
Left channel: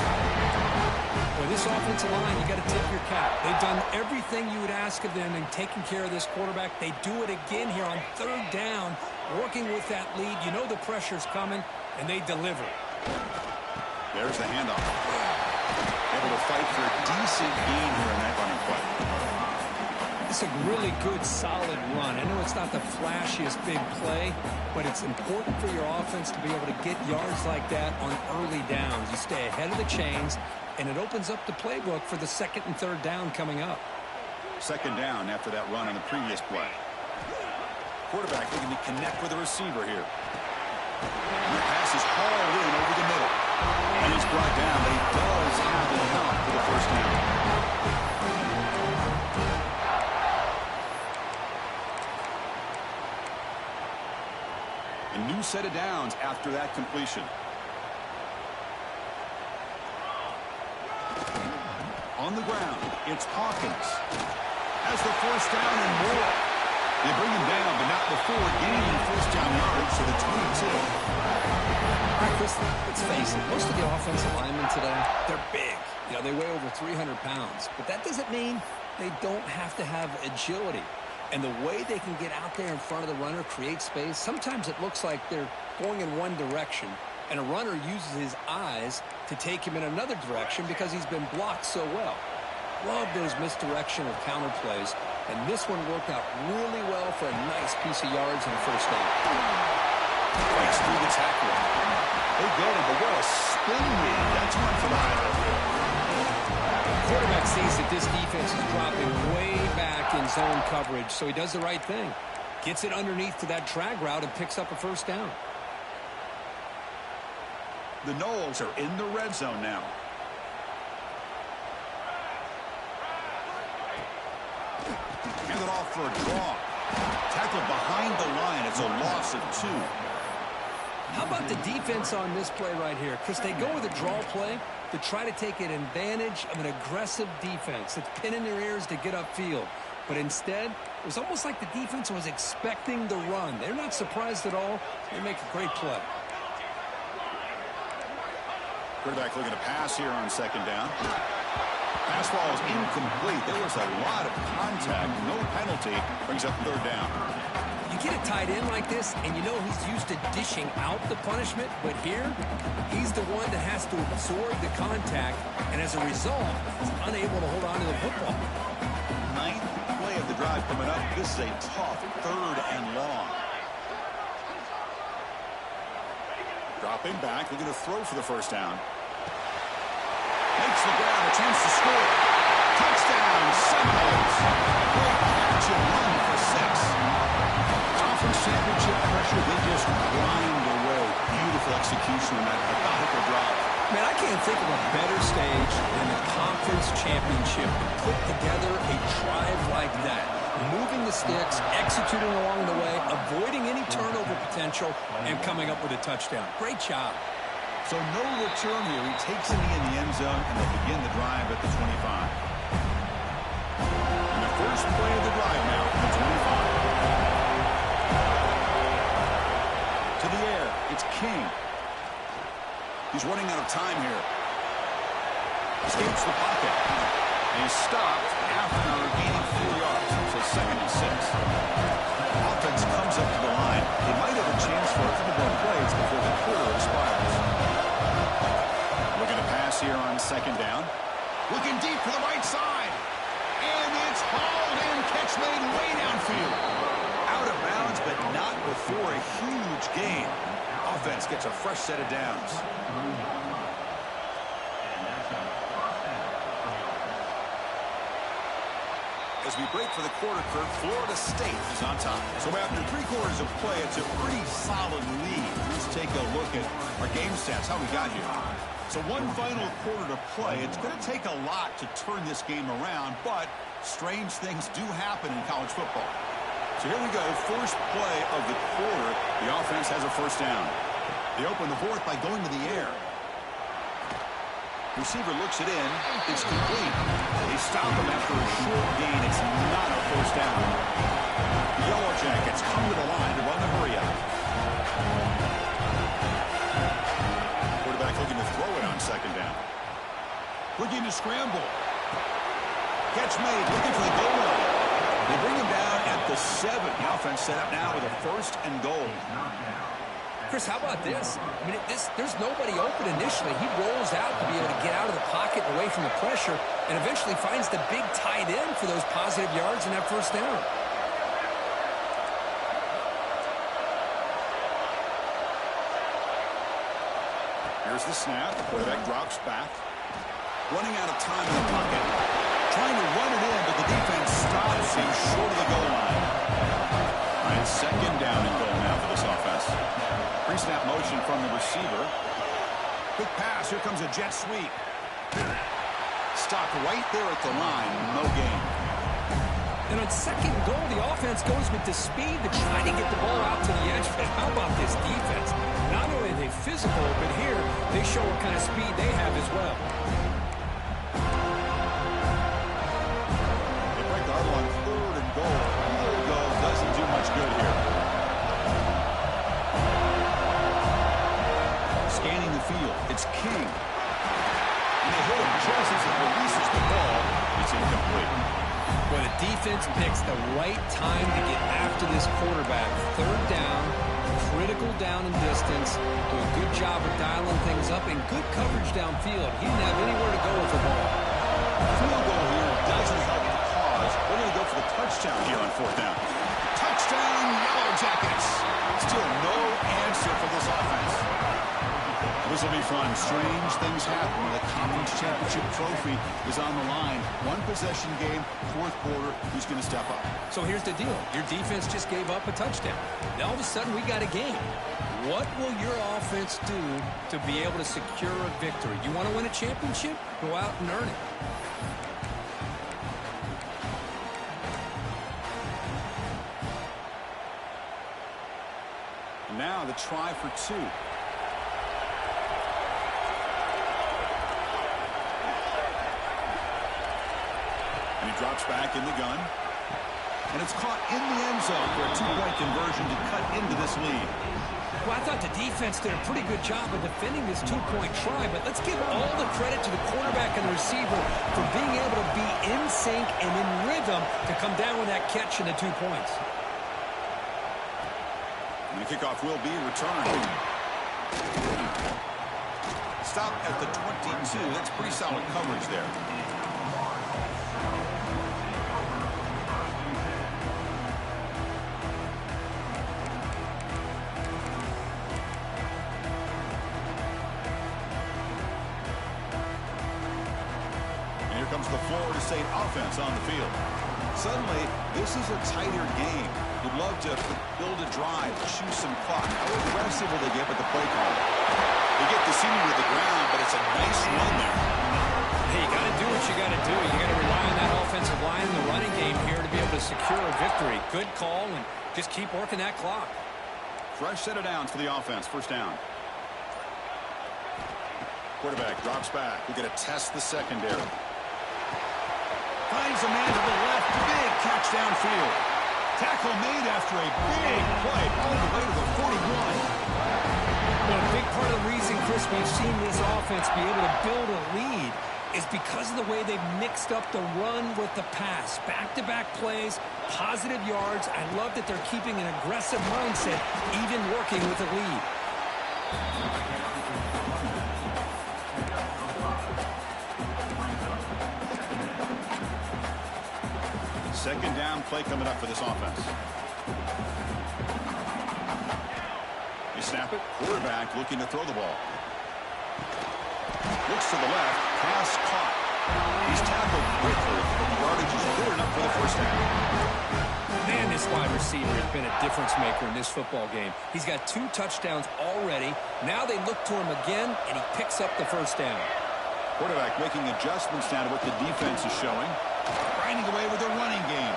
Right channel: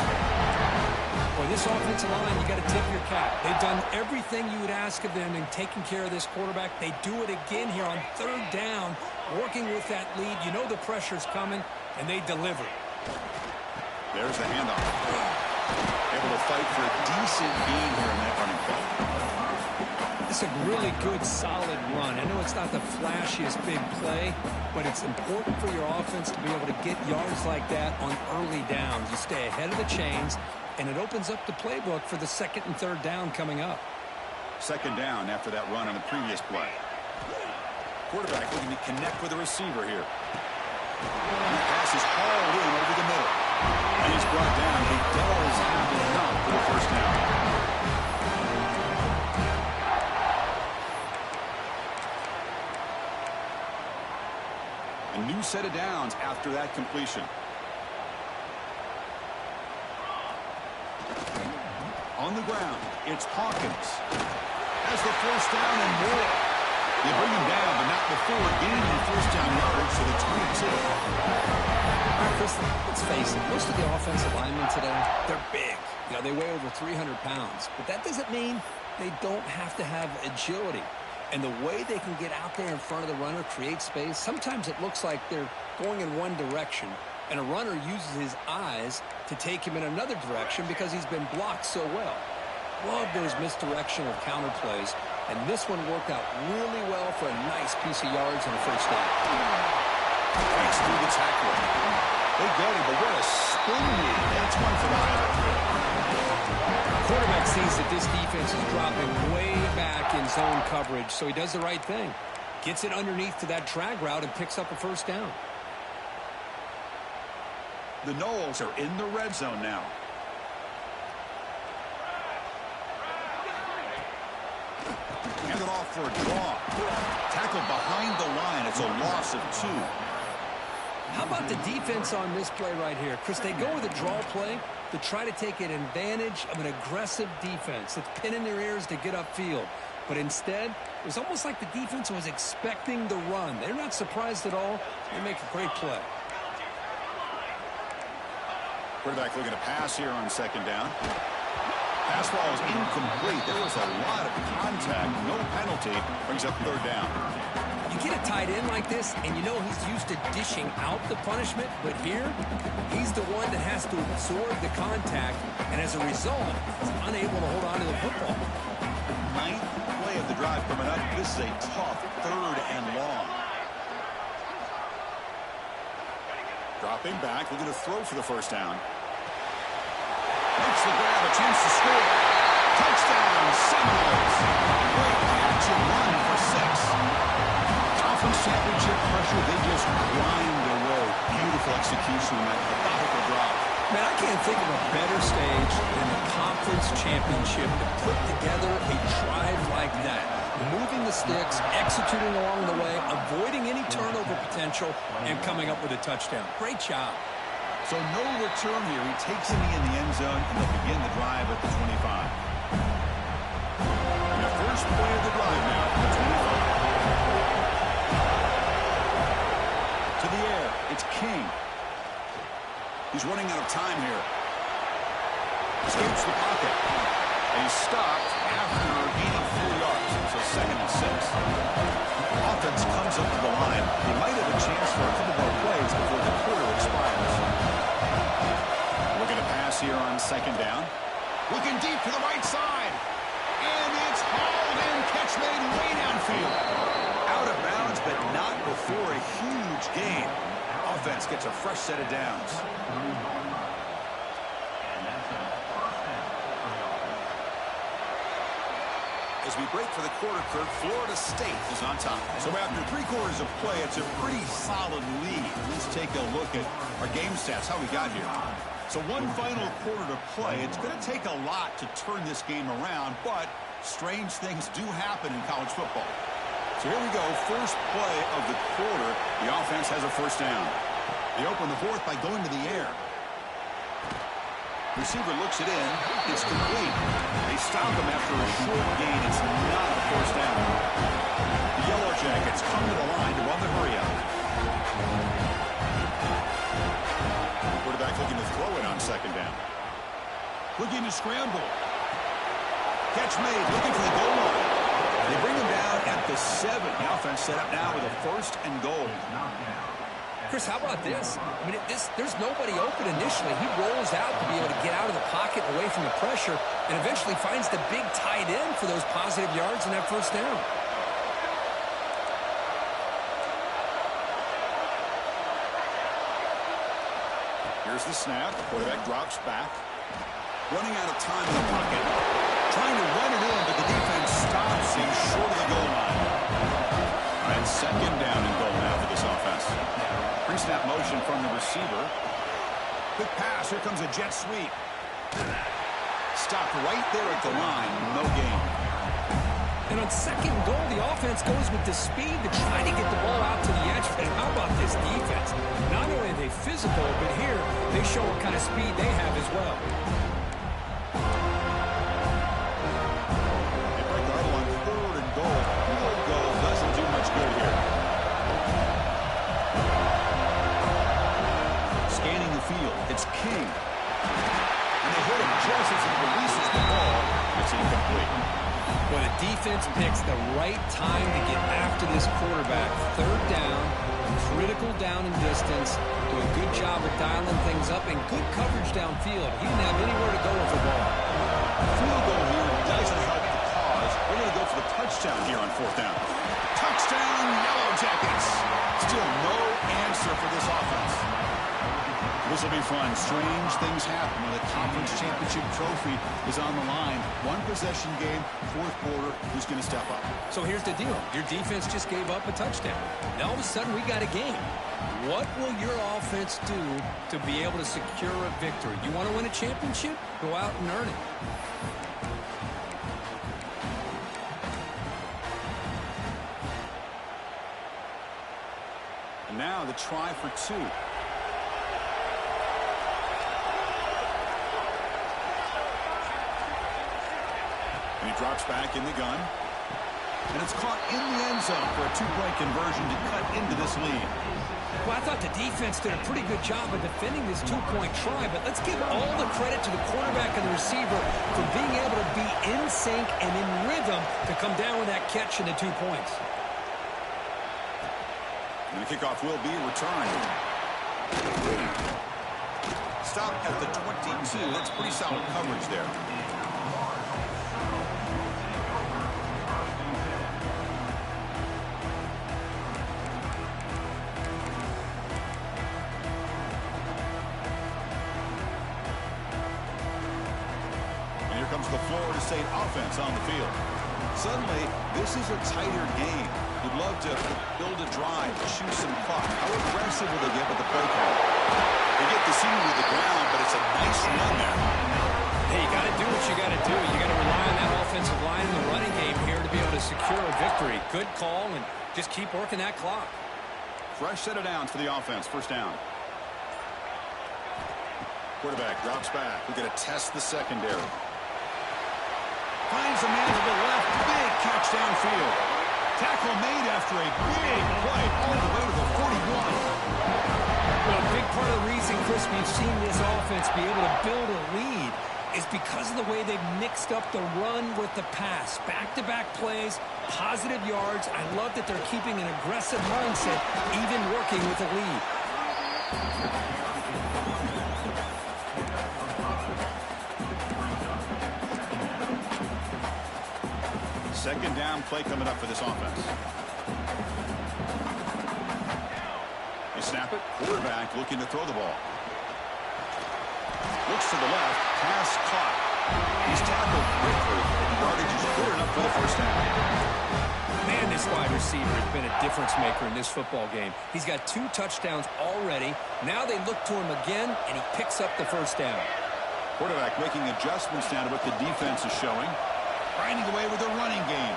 Boy, this offensive line, you got to tip your cap. They've done everything you would ask of them in taking care of this quarterback. They do it again here on 3rd down, working with that lead. You know the pressure's coming, and they deliver. There's the handoff. Able to fight for a decent gain here in that running play. It's a really good, solid run. I know it's not the flashiest big play, but it's important for your offense to be able to get yards like that on early downs. You stay ahead of the chains, and it opens up the playbook for the 2nd and 3rd down coming up. 2nd down after that run on the previous play. Quarterback looking to connect with the receiver here. And the pass is hauled in over the middle. And he's brought down, but he does have enough for the first down. A new set of downs after that completion. On the ground, it's Hawkins. Has the first down and more. They bring him down, but not before gaining first down yardage to the 22. All right, Chris, let's face it. Most of the offensive linemen today, they're big. They weigh over 300 pounds. But that doesn't mean they don't have to have agility. And the way they can get out there in front of the runner, create space, sometimes it looks like they're going in one direction, and a runner uses his eyes to take him in another direction because he's been blocked so well. Love those misdirection or counter plays, and this one worked out really well for a nice piece of yards and a first down. Breaks through the tackle. They get him, but what a spin move. That's one for the highlight reel. Quarterback sees that this defense is dropping way back in zone coverage, so he does the right thing. Gets it underneath to that drag route and picks up a first down. The Noles are in the red zone now. Hand it off for a draw. Tackled behind the line. It's a loss of 2. How about the defense on this play right here? Chris, they go with a draw play to try to take an advantage of an aggressive defense that's pinning their ears to get upfield. But instead, it was almost like the defense was expecting the run. They're not surprised at all. They make a great play. Quarterback looking to pass here on second down. Pass ball is incomplete. There was a lot of contact. No penalty. Brings up third down. You get a tight end like this, and you know he's used to dishing out the punishment, but here, he's the one that has to absorb the contact, and as a result, he's unable to hold on to the football. 9th play of the drive coming up. This is a tough third and long. Dropping back, looking to throw for the first down. Makes the grab, a chance to score. Touchdown, Seminoles. Great catch and run for 6. Conference championship pressure, they just grind away. Beautiful execution on that methodical drive. Man, I can't think of a better stage than the conference championship to put together a drive like that. Moving the sticks, executing along the way, avoiding any turnover potential, and coming up with a touchdown. Great job. So no return here. He takes a knee in the end zone, and they'll begin the drive at the 25. And the first play of the drive now from the 25. To the air, it's King. He's running out of time here. Escapes the pocket. And he's stopped after gaining 4 yards. So 2nd and 6. Offense comes up to the line. They might have a chance for a couple more plays before the quarter expires. Looking to pass here on second down. Looking deep to the right side. And it's hauled in. Catch made way downfield. Out of bounds, but not before a huge gain. Offense gets a fresh set of downs. As we break for the quarter, Kurt, Florida State is on top. So after 3 quarters of play, it's a pretty solid lead. Let's take a look at our game stats, how we got here. So 1 final quarter to play. It's going to take a lot to turn this game around, but strange things do happen in college football. So here we go, first play of the quarter. The offense has a first down. They open the 4th by going to the air. Receiver looks it in. It's complete. They stop him after a short gain. It's not a first down. The Yellow Jackets come to the line to run the hurry up. Quarterback looking to throw it on second down. Looking to scramble. Catch made. Looking for the goal line. They bring him down at the 7. The offense set up now with a 1st and goal. Chris, how about this? I mean, there's nobody open initially. He rolls out to be able to get out of the pocket away from the pressure and eventually finds the big tight end for those positive yards and that first down. Here's the snap. Quarterback drops back. Running out of time in the pocket. Trying to run it in, but the defense stops him short of the goal line. All right, second down and goal now for this offense. Pre-snap motion from the receiver. Quick pass. Here comes a jet sweep. Stopped right there at the line. No gain. And on second goal, the offense goes with the speed to try to get the ball out to the edge. And how about this defense? Not only are they physical, but here they show what kind of speed they have as well. They break the huddle on 3rd and goal. Field goal doesn't do much good here. Scanning the field. It's King. And they hit him just as he releases the ball. It's incomplete. Well, the defense picks the right time to get after this quarterback. Third down, critical down and distance. Do a good job of dialing things up and good coverage downfield. He didn't have anywhere to go with the ball. Field goal here doesn't help the cause. We're going to go for the touchdown here on fourth down. Touchdown, Yellow Jackets. Still no answer for this offense. This will be fun. Strange things happen when the conference championship trophy is on the line. One possession game, fourth quarter. Who's going to step up? So here's the deal. Your defense just gave up a touchdown. Now all of a sudden we got a game. What will your offense do to be able to secure a victory? You want to win a championship? Go out and earn it. And now the try for two. And he drops back in the gun. And it's caught in the end zone for a two-point conversion to cut into this lead. Well, I thought the defense did a pretty good job of defending this two-point try, but let's give all the credit to the quarterback and the receiver for being able to be in sync and in rhythm to come down with that catch and the 2 points. And the kickoff will be returned. Stop at the 22. That's pretty solid coverage there. Comes the Florida State offense on the field. Suddenly, this is a tighter game. You'd love to build a drive, chew some clock. How aggressive will they get with the play call? They get the senior to the ground, but it's a nice run there. Hey, you got to do what you got to do. You got to rely on that offensive line in the running game here to be able to secure a victory. Good call, and just keep working that clock. Fresh set of downs for the offense. First down. Quarterback drops back. We're going to test the secondary. Finds a man to the left. Big catch downfield. Tackle made after a big play all the way to the 41. Well, a big part of the reason, Chris, we've seen this offense be able to build a lead is because of the way they've mixed up the run with the pass. Back-to-back plays, positive yards. I love that they're keeping an aggressive mindset, even working with a lead. Second down play coming up for this offense. They snap it. Quarterback looking to throw the ball. Looks to the left. Pass caught. He's tackled quickly, but the yardage is good enough for the first down. Man, this wide receiver has been a difference maker in this football game. He's got 2 touchdowns already. Now they look to him again, and he picks up the first down. Quarterback making adjustments now to what the defense is showing. Grinding away with the running game.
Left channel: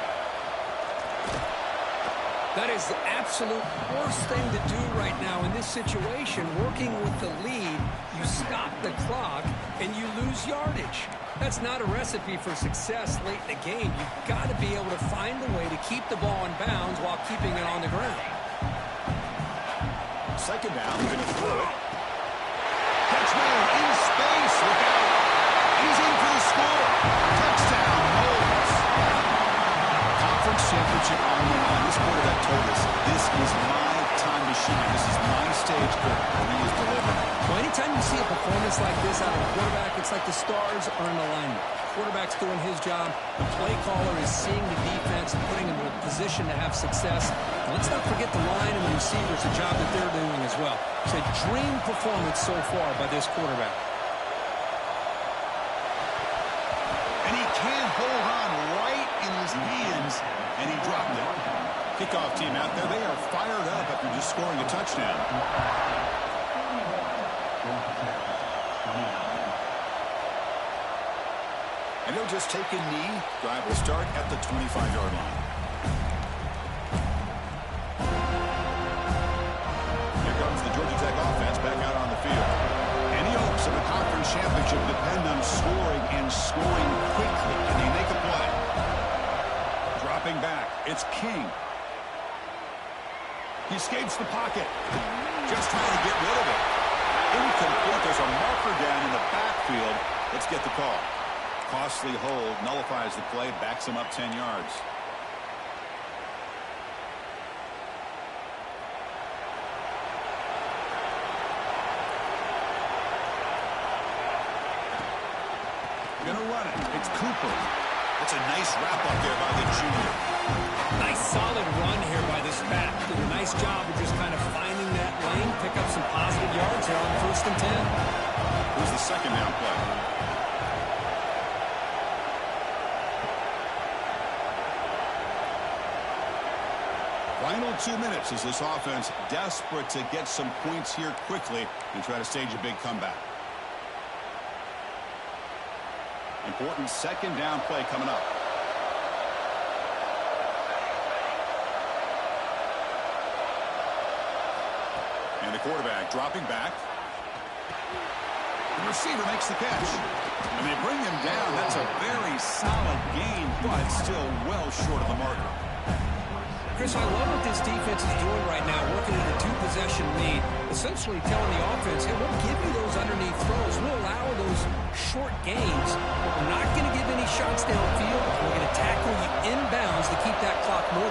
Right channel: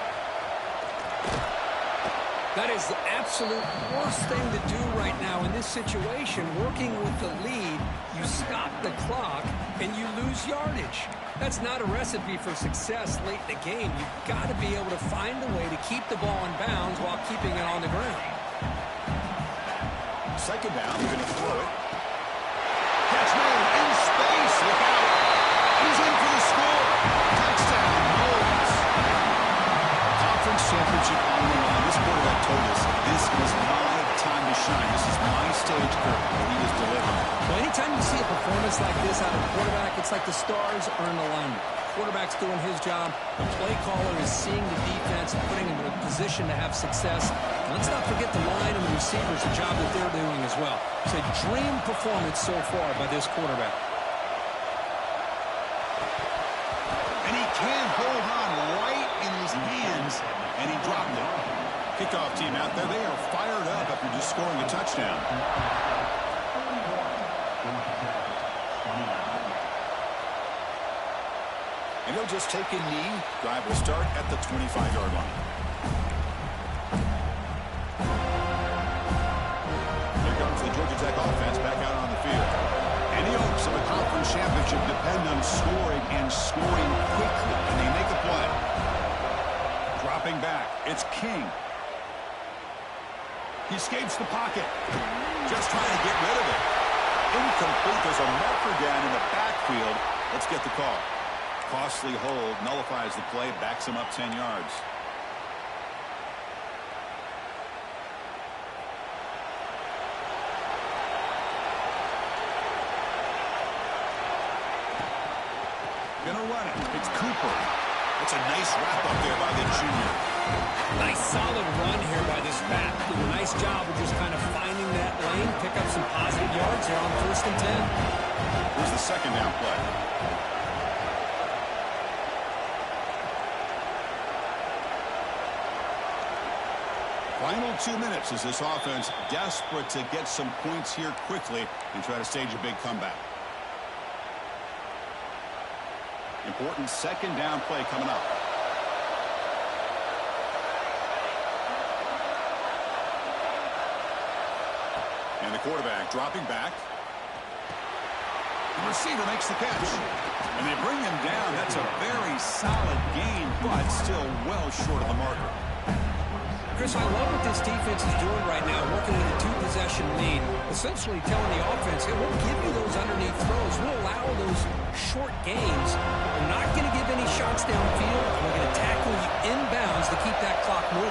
That is the absolute worst thing to do right now in this situation. Working with the lead, you stop the clock, and you lose yardage. That's not a recipe for success late in the game. You've got to be able to find a way to keep the ball in bounds while keeping it on the ground. Second down, they're going to throw it. Catch made in space. Look out. He's in for the score. Touchdown, Knowles. Conference championship on the line. This quarterback told us, this is my time to shine. This is my stage, Kirk, and he is delivering. Well, anytime you see a performance like this out of a quarterback, it's like the stars are in alignment. Quarterback's doing his job. The play caller is seeing the defense and putting him in a position to have success. And let's not forget the line and the receivers, the job that they're doing as well. It's a dream performance so far by this quarterback. And he can't hold on right in his hands, and he dropped it. Kickoff team out there, they are fired up after just scoring a touchdown. And he'll just take a knee. Drive will start at the 25-yard line. Here comes the Georgia Tech offense back out on the field. Any hopes of a conference championship depend on scoring and scoring quickly. Can they make a play? Dropping back. It's King. He escapes the pocket. Just trying to get rid of it. Incomplete. There's a marker down in the backfield. Let's get the call. Costly hold nullifies the play, backs him up 10 yards. Gonna run it. It's Cooper. It's a nice wrap up there by the junior. Nice solid run here by this back. Did a nice job of just kind of finding that lane, pick up some positive yards there on 1st and 10. Here's the second down play. Final 2 minutes as this offense desperate to get some points here quickly and try to stage a big comeback. Important second down play coming up. And the quarterback dropping back. The receiver makes the catch. And they bring him down. That's a very solid gain, but still well short of the marker. Chris, I love what this defense is doing right now, working in a 2-possession lead, essentially telling the offense, hey, we'll give you those underneath throws. We'll allow those short gains. We're not going to give any shots downfield. We're going to tackle you inbounds to keep that clock moving.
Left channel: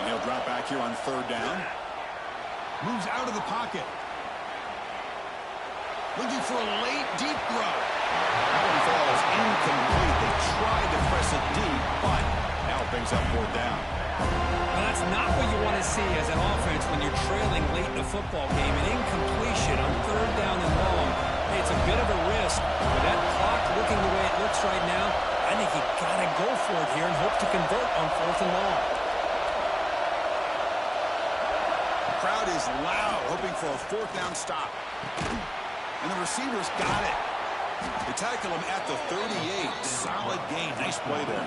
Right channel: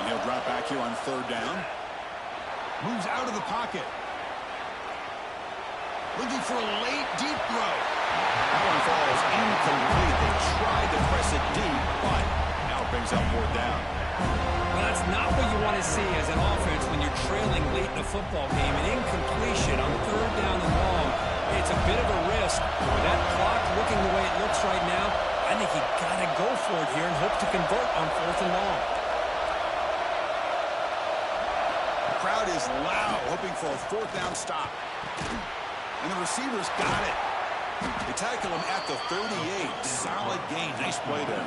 And he'll drop back here on 3rd down. Moves out of the pocket. Looking for a late, deep throw. That one falls incomplete. They tried to press it deep, but now it brings up 4th down. Well, that's not what you want to see as an offense when you're trailing late in a football game. An incompletion on 3rd down and long. Hey, it's a bit of a risk. With that clock looking the way it looks right now, I think you got to go for it here and hope to convert on 4th and long. The crowd is loud, hoping for a 4th down stop. And the receivers got it. They tackle him at the 38. Solid gain. Nice play there.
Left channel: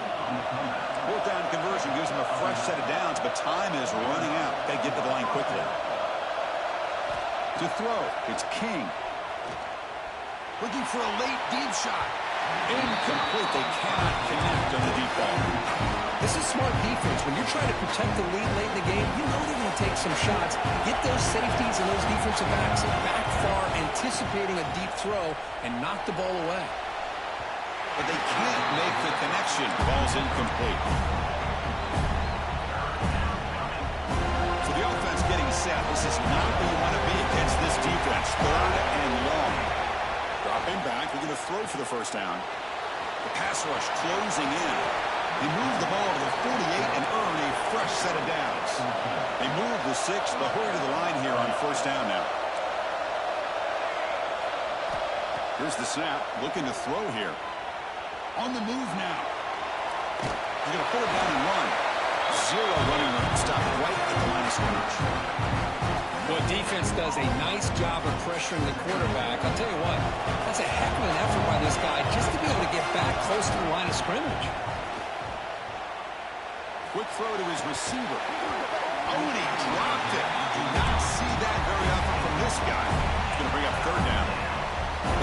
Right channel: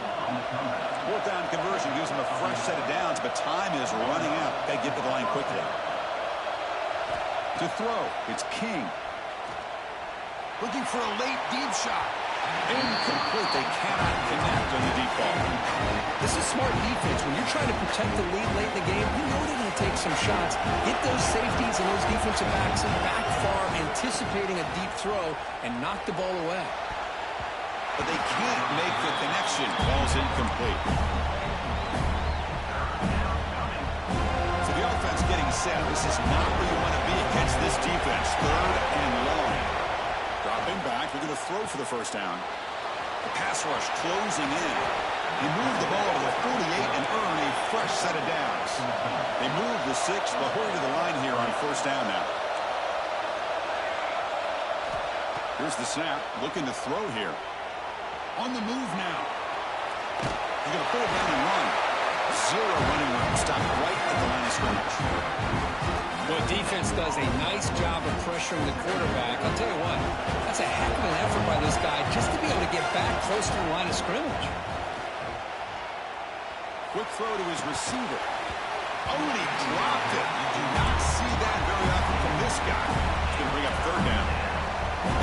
4th down conversion gives him a fresh set of downs, but time is running out. Got to get to the line quickly. To throw, it's King. Looking for a late deep shot. Incomplete. They cannot connect on the deep ball. This is smart defense. When you're trying to protect the lead late in the game, you know they're going to take some shots. Get those safeties and those defensive backs back far, anticipating a deep throw, and knock the ball away. But they can't make the connection. Ball's incomplete. So the offense getting set. This is not where you want to be against this defense. 3rd and long. Dropping back. They're going to throw for the 1st down. The pass rush closing in. They move the ball to the 48 and earn a fresh set of downs. They move the 6. They'll hurry to the line here on 1st down now. Here's the snap. Looking to throw here. On the move now. He's going to put it down and run. 0 running room. Stopped right at the line of scrimmage. Well, defense does a nice job of pressuring the quarterback. I'll tell you what, that's a heck of an effort by this guy just to be able to get back close to the line of scrimmage. Quick throw to his receiver. Oh, and he dropped it. You do not see that very often from this guy. He's going to bring up 3rd down.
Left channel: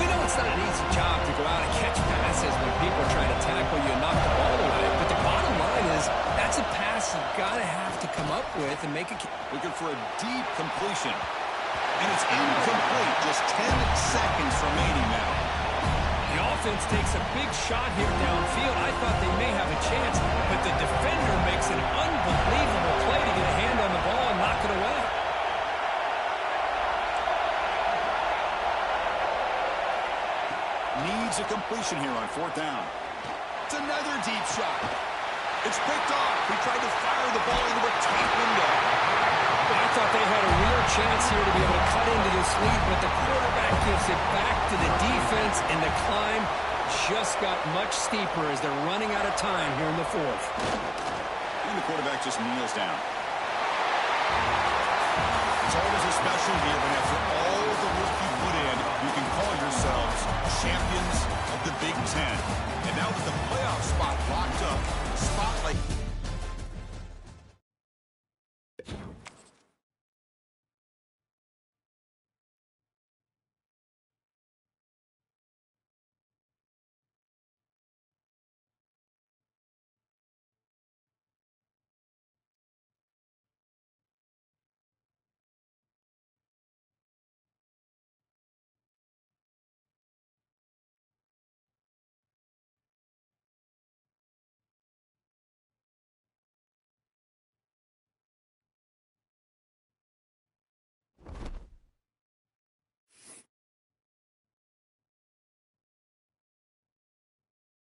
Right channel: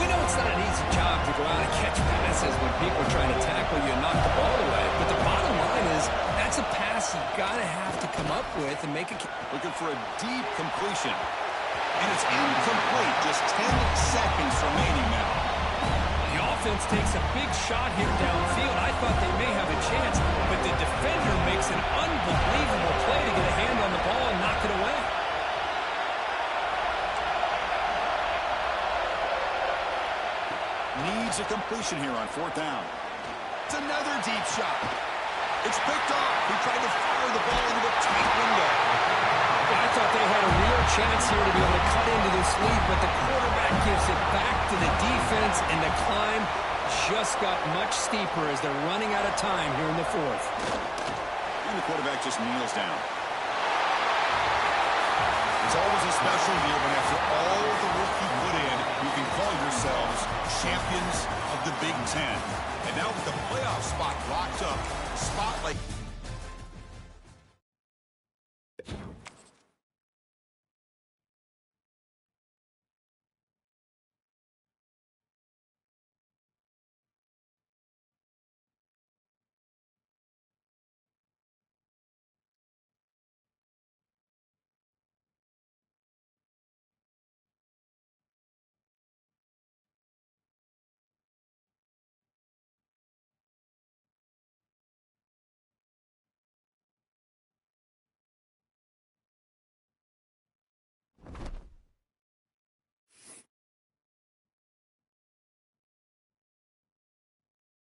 We know it's not an easy job to go out and catch passes when people are trying to tackle you and knock the ball away. But the bottom line is that's a pass you got to have to come up with and make a... Looking for a deep completion. And it's incomplete. Just 10 seconds remaining now. The offense takes a big shot here downfield. I thought they may have a chance, but the defender makes an unbelievable play to get a hand on the ball and knock it away. Needs a completion here on 4th down. It's another deep shot. It's picked off. He tried to fire the ball into a tight window. Well, I thought they had a real chance here to be able to cut into this lead, but the quarterback gives it back to the defense, and the climb just got much steeper as they're running out of time here in the 4th. And the quarterback just kneels down. It's always a special year when after all the work you put in, you can call yourselves champions of the Big Ten. And now with the playoff spot locked up, the spotlight